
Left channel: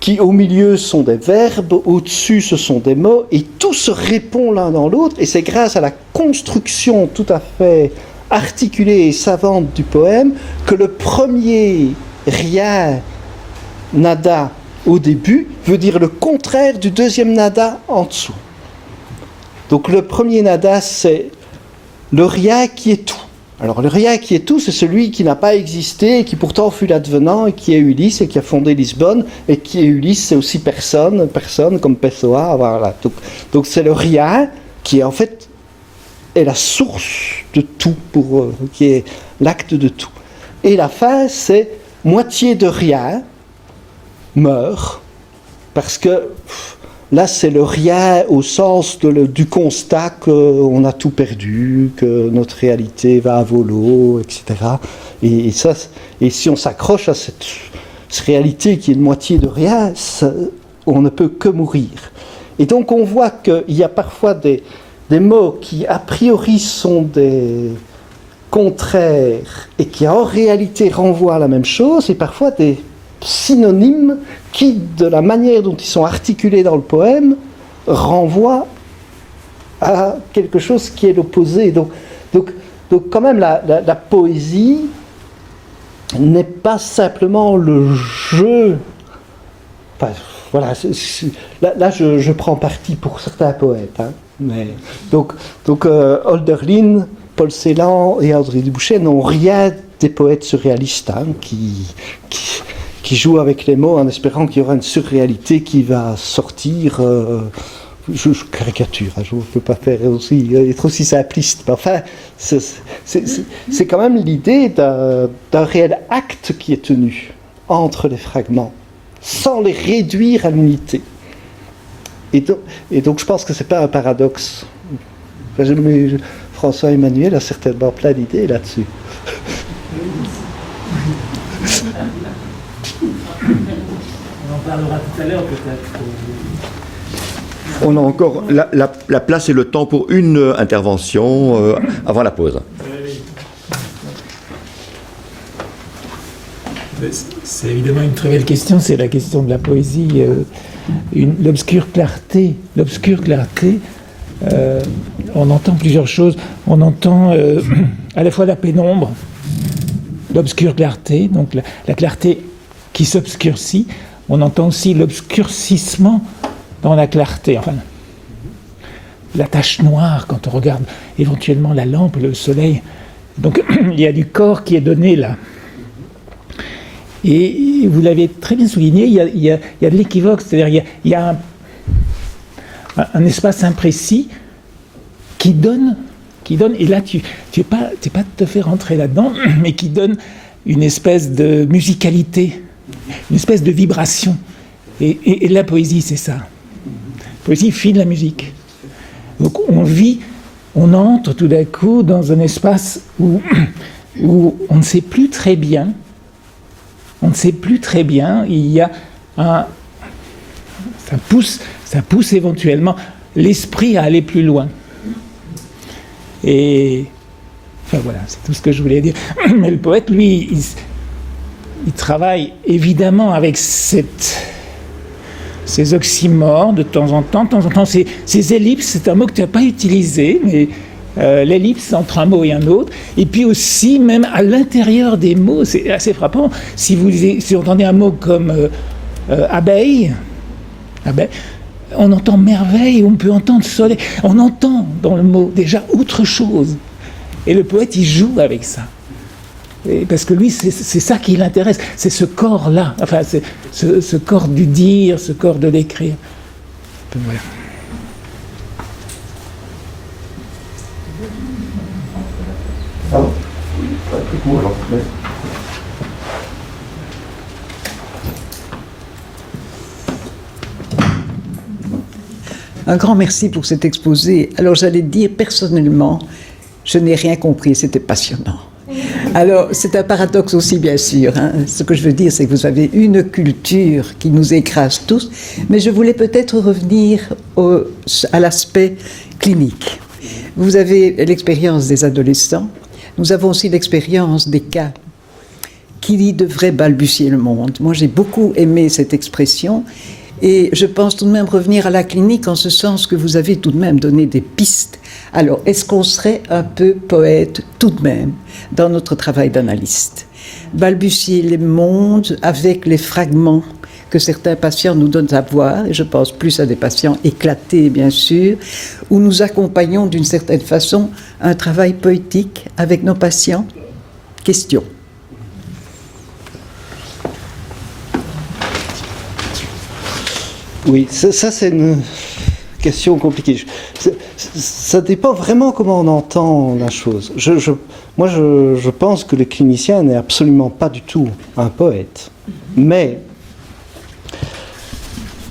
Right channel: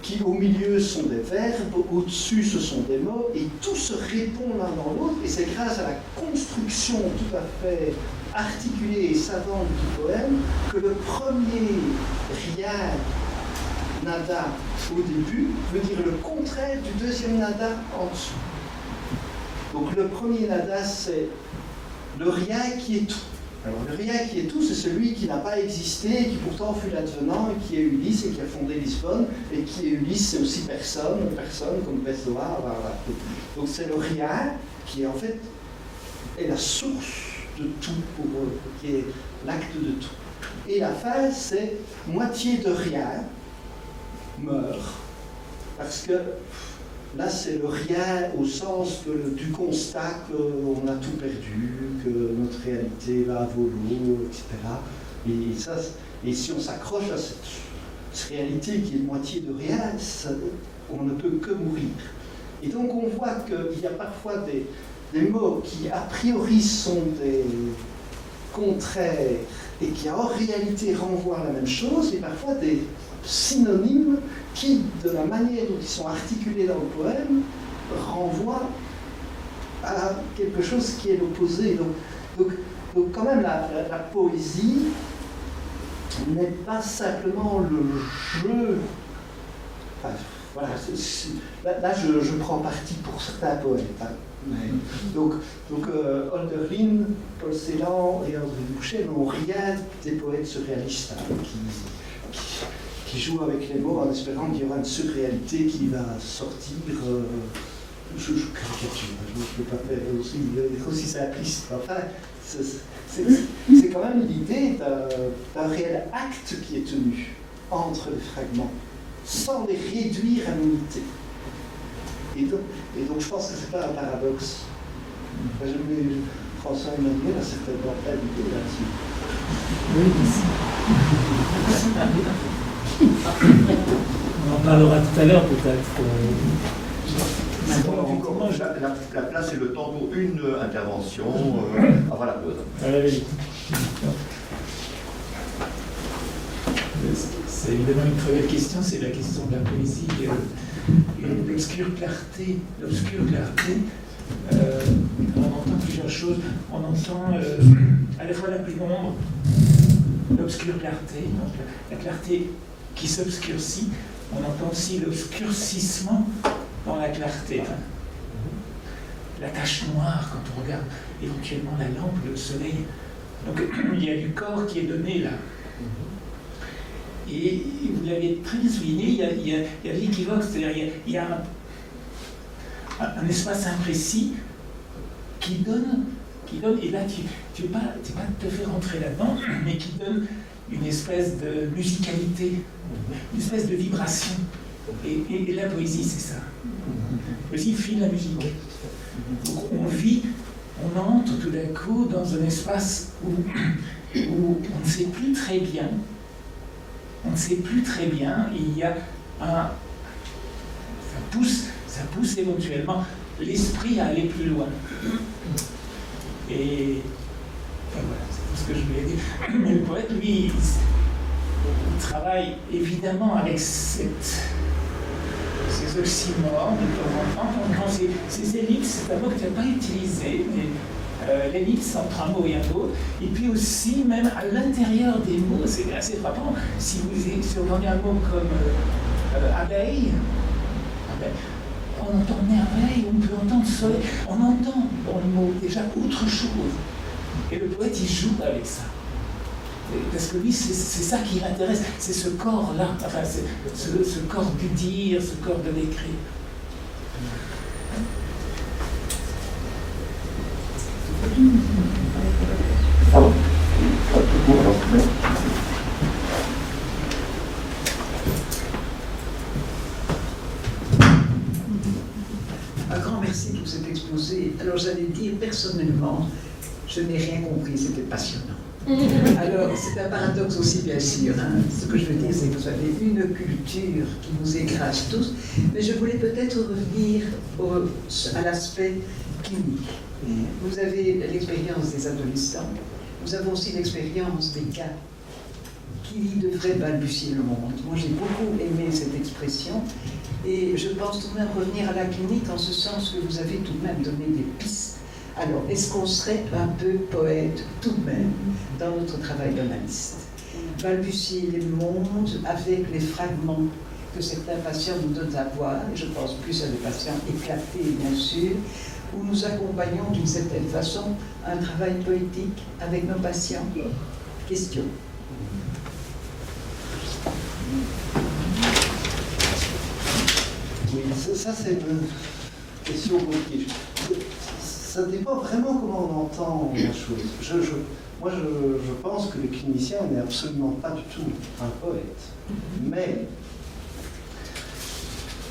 qui au milieu sont des verbes, au-dessus ce sont des mots, et tout se répond l'un dans l'autre, et c'est grâce à la construction tout à fait articulée et savante du poème que le premier rien, nada, au début, veut dire le contraire du deuxième nada en dessous. Donc le premier nada, c'est le rien qui est tout. Alors le rien qui est tout, c'est celui qui n'a pas existé, et qui pourtant fut l'advenant, et qui est Ulysse, et qui a fondé Lisbonne, et qui est Ulysse, c'est aussi personne comme Pessoa, voilà. Donc c'est le rien qui en fait est la source de tout, qui est l'acte de tout. Et la fin, c'est moitié de rien meurt, parce que là c'est le rien au sens du constat qu'on a tout perdu, que notre réalité va à volo, etc. Et si on s'accroche à cette réalité qui est une moitié de rien, on ne peut que mourir. Et donc on voit qu'il y a parfois des mots qui a priori sont des contraires et qui en réalité renvoient à la même chose, et parfois des synonymes qui, de la manière dont ils sont articulés dans le poème, renvoient à quelque chose qui est l'opposé. Donc quand même, la poésie n'est pas simplement le jeu. Enfin, voilà, là je prends parti pour certains poètes. Hein, mais, donc Hölderlin, Paul Celan et André Dubouchet n'ont rien des poètes surréalistes hein, qui jouent avec les mots en espérant qu'il y aura une surréalité qui va sortir. Je caricature, hein, je ne peux pas faire être aussi simpliste, mais enfin, c'est quand même l'idée d'un réel acte qui est tenu entre les fragments, sans les réduire à l'unité. Et donc je pense que ce n'est pas un paradoxe. Enfin, François Emmanuel a certainement plein d'idées là-dessus. On en parlera tout à l'heure peut-être. On a encore la place et le temps pour une intervention avant la pause. C'est évidemment une très belle question, c'est la question de la poésie. L'obscure clarté, on entend plusieurs choses. On entend à la fois la pénombre, l'obscure clarté, donc la clarté qui s'obscurcit. On entend aussi l'obscurcissement dans la clarté, enfin, la tache noire quand on regarde éventuellement la lampe, le soleil. Donc il y a du corps qui est donné là. Et vous l'avez très bien souligné, il y a de l'équivoque, c'est-à-dire il y a un espace imprécis qui donne, et là tu n'es pas tout à fait rentré là-dedans, mais qui donne une espèce de musicalité, une espèce de vibration. Et la poésie, c'est ça. La poésie file la musique. Donc on entre tout d'un coup dans un espace où on ne sait plus très bien. Il y a ça pousse éventuellement l'esprit à aller plus loin. Et enfin voilà, c'est tout ce que je voulais dire. Mais le poète, lui, il travaille évidemment avec ces oxymores de temps en temps, ces ellipses, c'est un mot que tu n'as pas utilisé, mais l'ellipse entre un mot et un autre, et puis aussi même à l'intérieur des mots, c'est assez frappant. Si vous entendez un mot comme abeille, on entend merveille, on peut entendre soleil, on entend dans le mot déjà autre chose. Et le poète, il joue avec ça. Parce que lui, c'est ça qui l'intéresse, c'est ce corps-là, enfin, c'est ce corps du dire, ce corps de l'écrire. Voilà. Un grand merci pour cet exposé. Alors j'allais dire personnellement, je n'ai rien compris, c'était passionnant. Alors c'est un paradoxe aussi bien sûr. Hein. Ce que je veux dire c'est que vous avez une culture qui nous écrase tous, mais je voulais peut-être revenir à l'aspect clinique. Vous avez l'expérience des adolescents, nous avons aussi l'expérience des cas qui devraient balbutier le monde. Moi j'ai beaucoup aimé cette expression. Et je pense tout de même revenir à la clinique en ce sens que vous avez tout de même donné des pistes. Alors, est-ce qu'on serait un peu poète tout de même dans notre travail d'analyste? Balbutier les mondes avec les fragments que certains patients nous donnent à voir, et je pense plus à des patients éclatés bien sûr, où nous accompagnons d'une certaine façon un travail poétique avec nos patients. Question. Oui, ça c'est une question compliquée. Ça dépend vraiment comment on entend la chose. Moi, je pense que le clinicien n'est absolument pas du tout un poète. Mais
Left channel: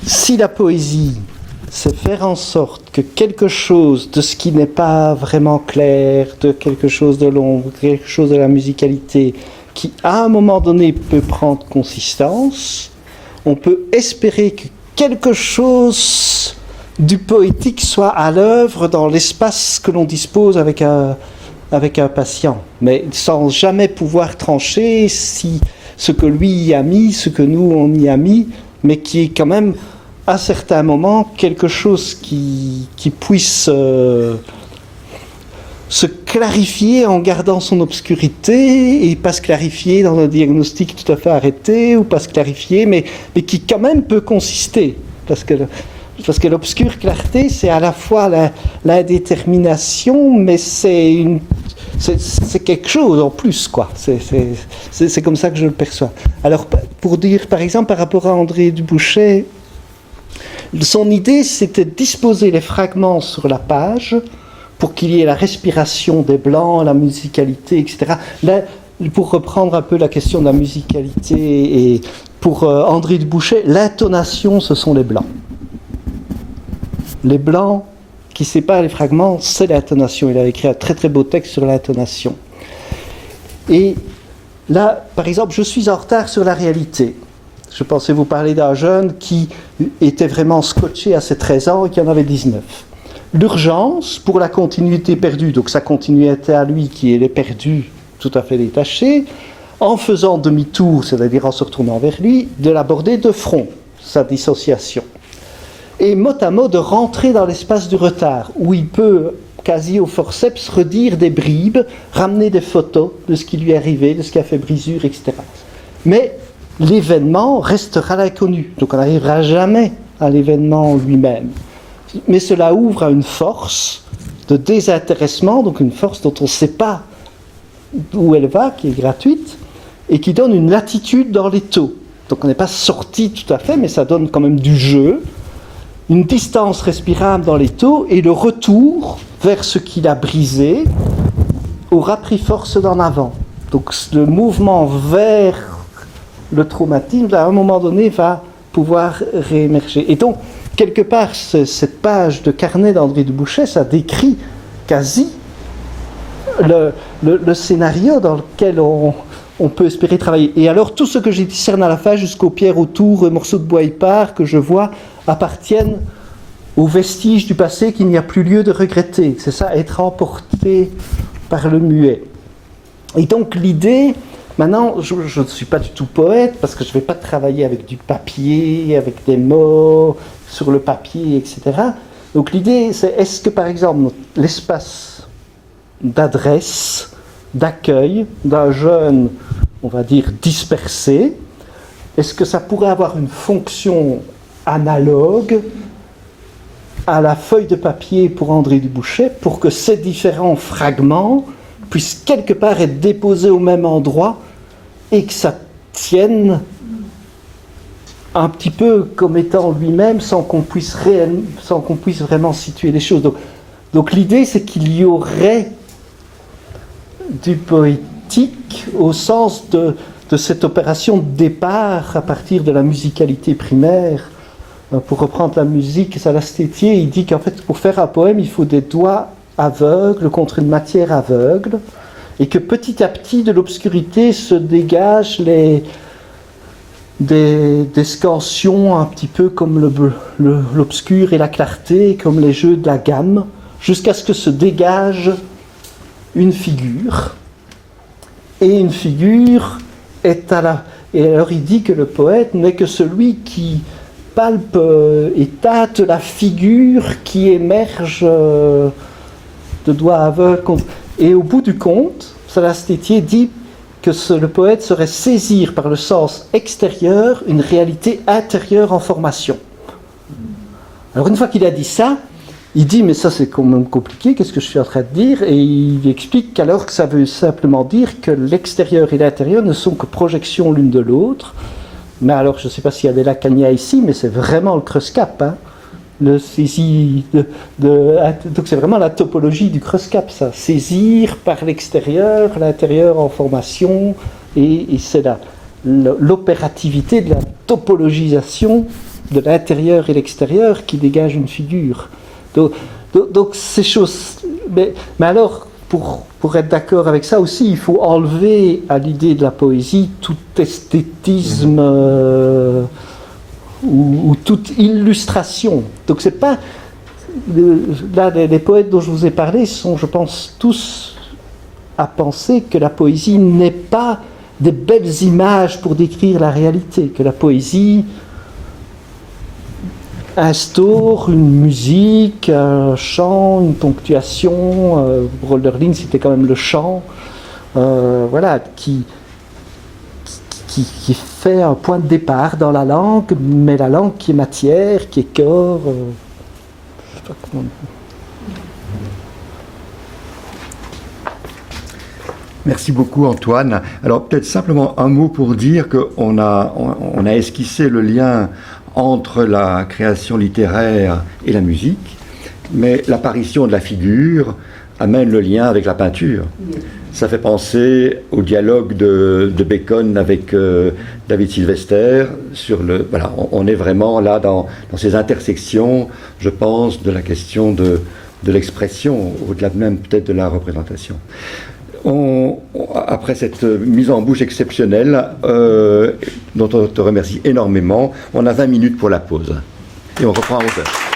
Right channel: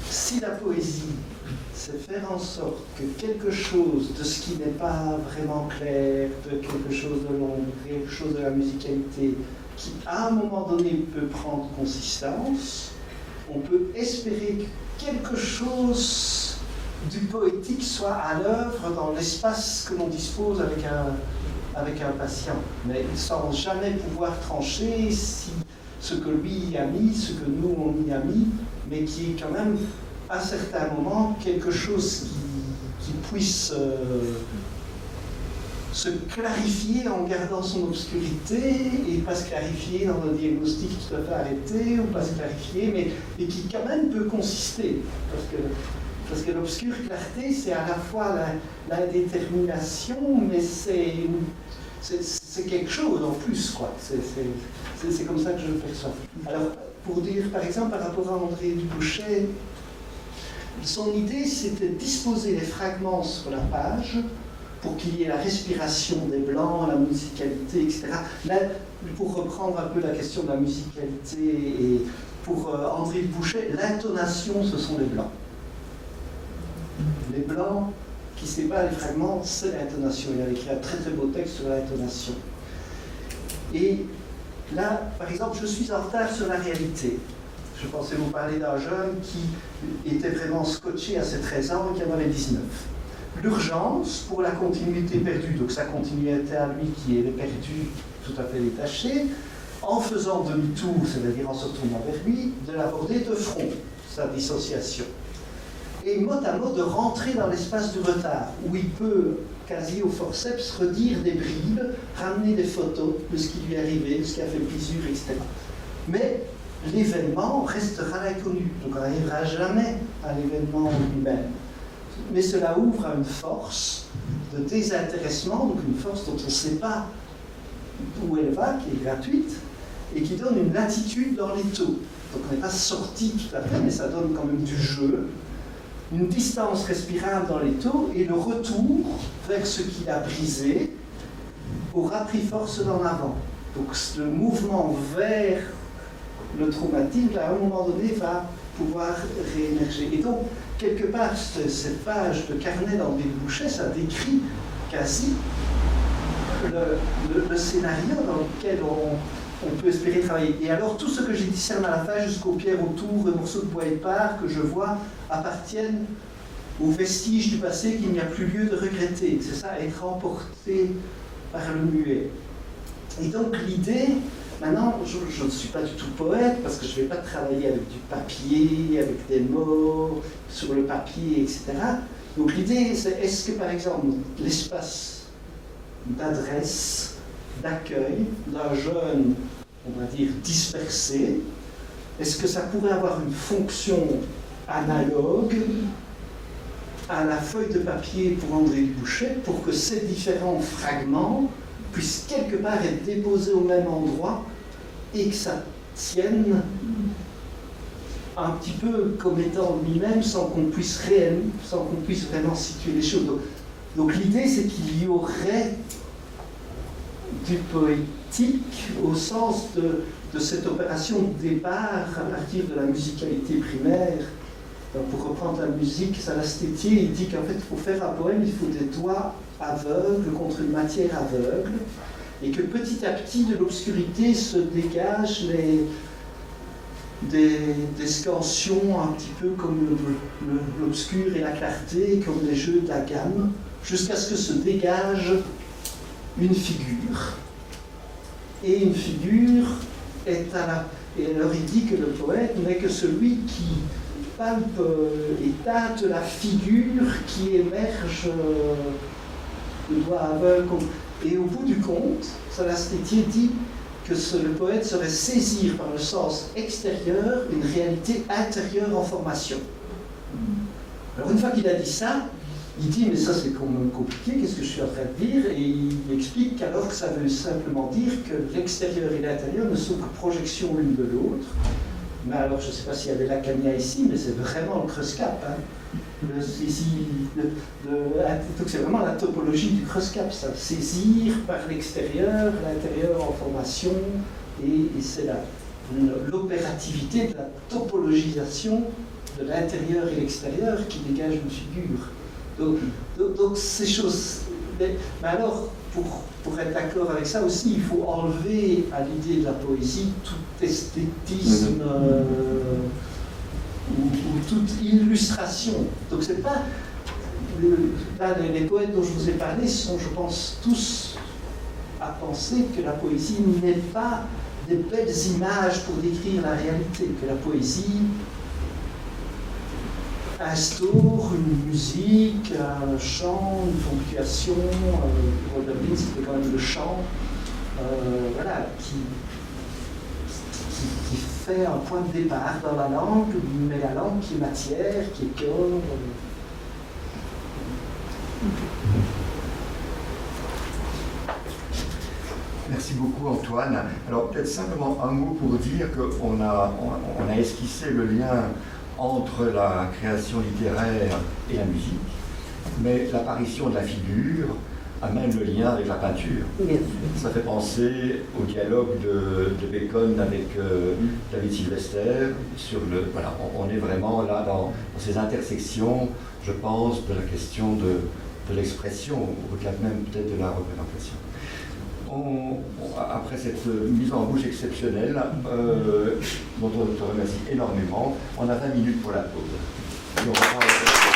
si la poésie, c'est faire en sorte que quelque chose de ce qui n'est pas vraiment clair, de quelque chose de l'ombre, quelque chose de la musicalité, qui à un moment donné peut prendre consistance, on peut espérer que quelque chose du poétique soit à l'œuvre dans l'espace que l'on dispose avec un patient, mais sans jamais pouvoir trancher si ce que lui y a mis, ce que nous on y a mis, mais qui est quand même à certains moments quelque chose qui puisse se clarifier en gardant son obscurité et pas se clarifier dans un diagnostic tout à fait arrêté ou pas se clarifier, mais qui quand même peut consister, parce que l'obscure clarté, c'est à la fois l'indétermination, mais c'est quelque chose en plus, quoi. C'est comme ça que je le perçois. Alors, pour dire, par exemple, par rapport à André Dubouchet, son idée, c'était de disposer les fragments sur la page pour qu'il y ait la respiration des blancs, la musicalité, etc. Là, pour reprendre un peu la question de la musicalité, et pour André Dubouchet, l'intonation, ce sont les blancs. Les blancs qui séparent les fragments, c'est l'intonation. Il a écrit un très très beau texte sur l'intonation. Et là, par exemple, je suis en retard sur la réalité. Je pensais vous parler d'un jeune qui était vraiment scotché à ses 13 ans et qui en avait 19. L'urgence pour la continuité perdue, donc sa continuité à lui qui est perdue, tout à fait détachée, en faisant demi-tour, c'est-à-dire en se retournant vers lui, de l'aborder de front, sa dissociation. Et mot à mot de rentrer dans l'espace du retard, où il peut, quasi au forceps, redire des bribes, ramener des photos de ce qui lui est arrivé, de ce qui a fait brisure, etc. Mais l'événement restera l'inconnu, donc on n'arrivera jamais à l'événement lui-même. Mais cela ouvre à une force de désintéressement, donc une force dont on ne sait pas où elle va, qui est gratuite, et qui donne une latitude dans les taux. Donc on n'est pas sorti tout à fait, mais ça donne quand même du jeu, une distance respirable dans les taux, et le retour vers ce qu'il a brisé aura pris force d'en avant. Donc le mouvement vers le traumatisme, à un moment donné, va pouvoir réémerger. Et donc, quelque part, cette page de carnet d'André Dubouchet, ça décrit quasi le scénario dans lequel on peut espérer travailler. Et alors, tout ce que j'ai discerné à la fin, jusqu'aux pierres autour, morceaux de bois épars que je vois, appartiennent aux vestiges du passé qu'il n'y a plus lieu de regretter. C'est ça, être emporté par le muet. Et donc, l'idée... Maintenant, je ne suis pas du tout poète, parce que je ne vais pas travailler avec du papier, avec des mots sur le papier, etc. Donc l'idée, c'est est-ce que, par exemple, l'espace d'adresse, d'accueil d'un jeune, on va dire, dispersé, est-ce que ça pourrait avoir une fonction analogue à la feuille de papier pour André Dubouchet, pour que ces différents fragments puisse quelque part être déposé au même endroit et que ça tienne un petit peu comme étant lui-même sans qu'on puisse vraiment situer les choses. Donc l'idée, c'est qu'il y aurait du poétique au sens de cette opération de départ à partir de la musicalité primaire. Pour reprendre la musique, Salastetier, il dit qu'en fait, pour faire un poème, il faut des doigts aveugle contre une matière aveugle, et que petit à petit de l'obscurité se dégagent des scansions un petit peu comme l'obscur et la clarté, comme les jeux de la gamme, jusqu'à ce que se dégage une figure. Et une figure est à la... Et alors il dit que le poète n'est que celui qui palpe et tâte la figure qui émerge de doigts aveugles. Et au bout du compte, Salastetier dit que le poète saurait saisir par le sens extérieur une réalité intérieure en formation. Alors une fois qu'il a dit ça, il dit mais ça c'est quand même compliqué, qu'est-ce que je suis en train de dire? Et il explique qu'alors que ça veut simplement dire que l'extérieur et l'intérieur ne sont que projections l'une de l'autre. Mais alors je ne sais pas s'il y a des Lacaniens ici, mais c'est vraiment le Creuscap, hein. Donc c'est vraiment la topologie du Creuscap, ça. Saisir par l'extérieur, l'intérieur en formation, et c'est l'opérativité de la topologisation de l'intérieur et l'extérieur qui dégage une figure. Donc ces choses... Mais alors, pour être d'accord avec ça aussi, il faut enlever à l'idée de la poésie tout esthétisme... ou toute illustration. Donc c'est pas là, les poètes dont je vous ai parlé sont, je pense, tous à penser que la poésie n'est pas des belles images pour décrire la réalité, que la poésie instaure une musique, un chant, une ponctuation. Hölderlin, c'était quand même le chant, voilà, qui fait un point de départ dans la langue, mais la langue qui est matière, qui est corps. Je sais pas comment. Merci beaucoup Antoine. Alors peut-être simplement un mot pour dire qu'on a esquissé le lien entre la création littéraire et la musique, mais l'apparition de la figure amène le lien avec la peinture. Ça fait penser au dialogue de Bacon avec David Sylvester sur le. Voilà, on est vraiment là dans ces intersections, je pense, de la question de l'expression, au-delà même peut-être de la représentation. Après cette mise en bouche exceptionnelle, dont on te remercie énormément, on a 20 minutes pour la pause. Et on reprend à 11h.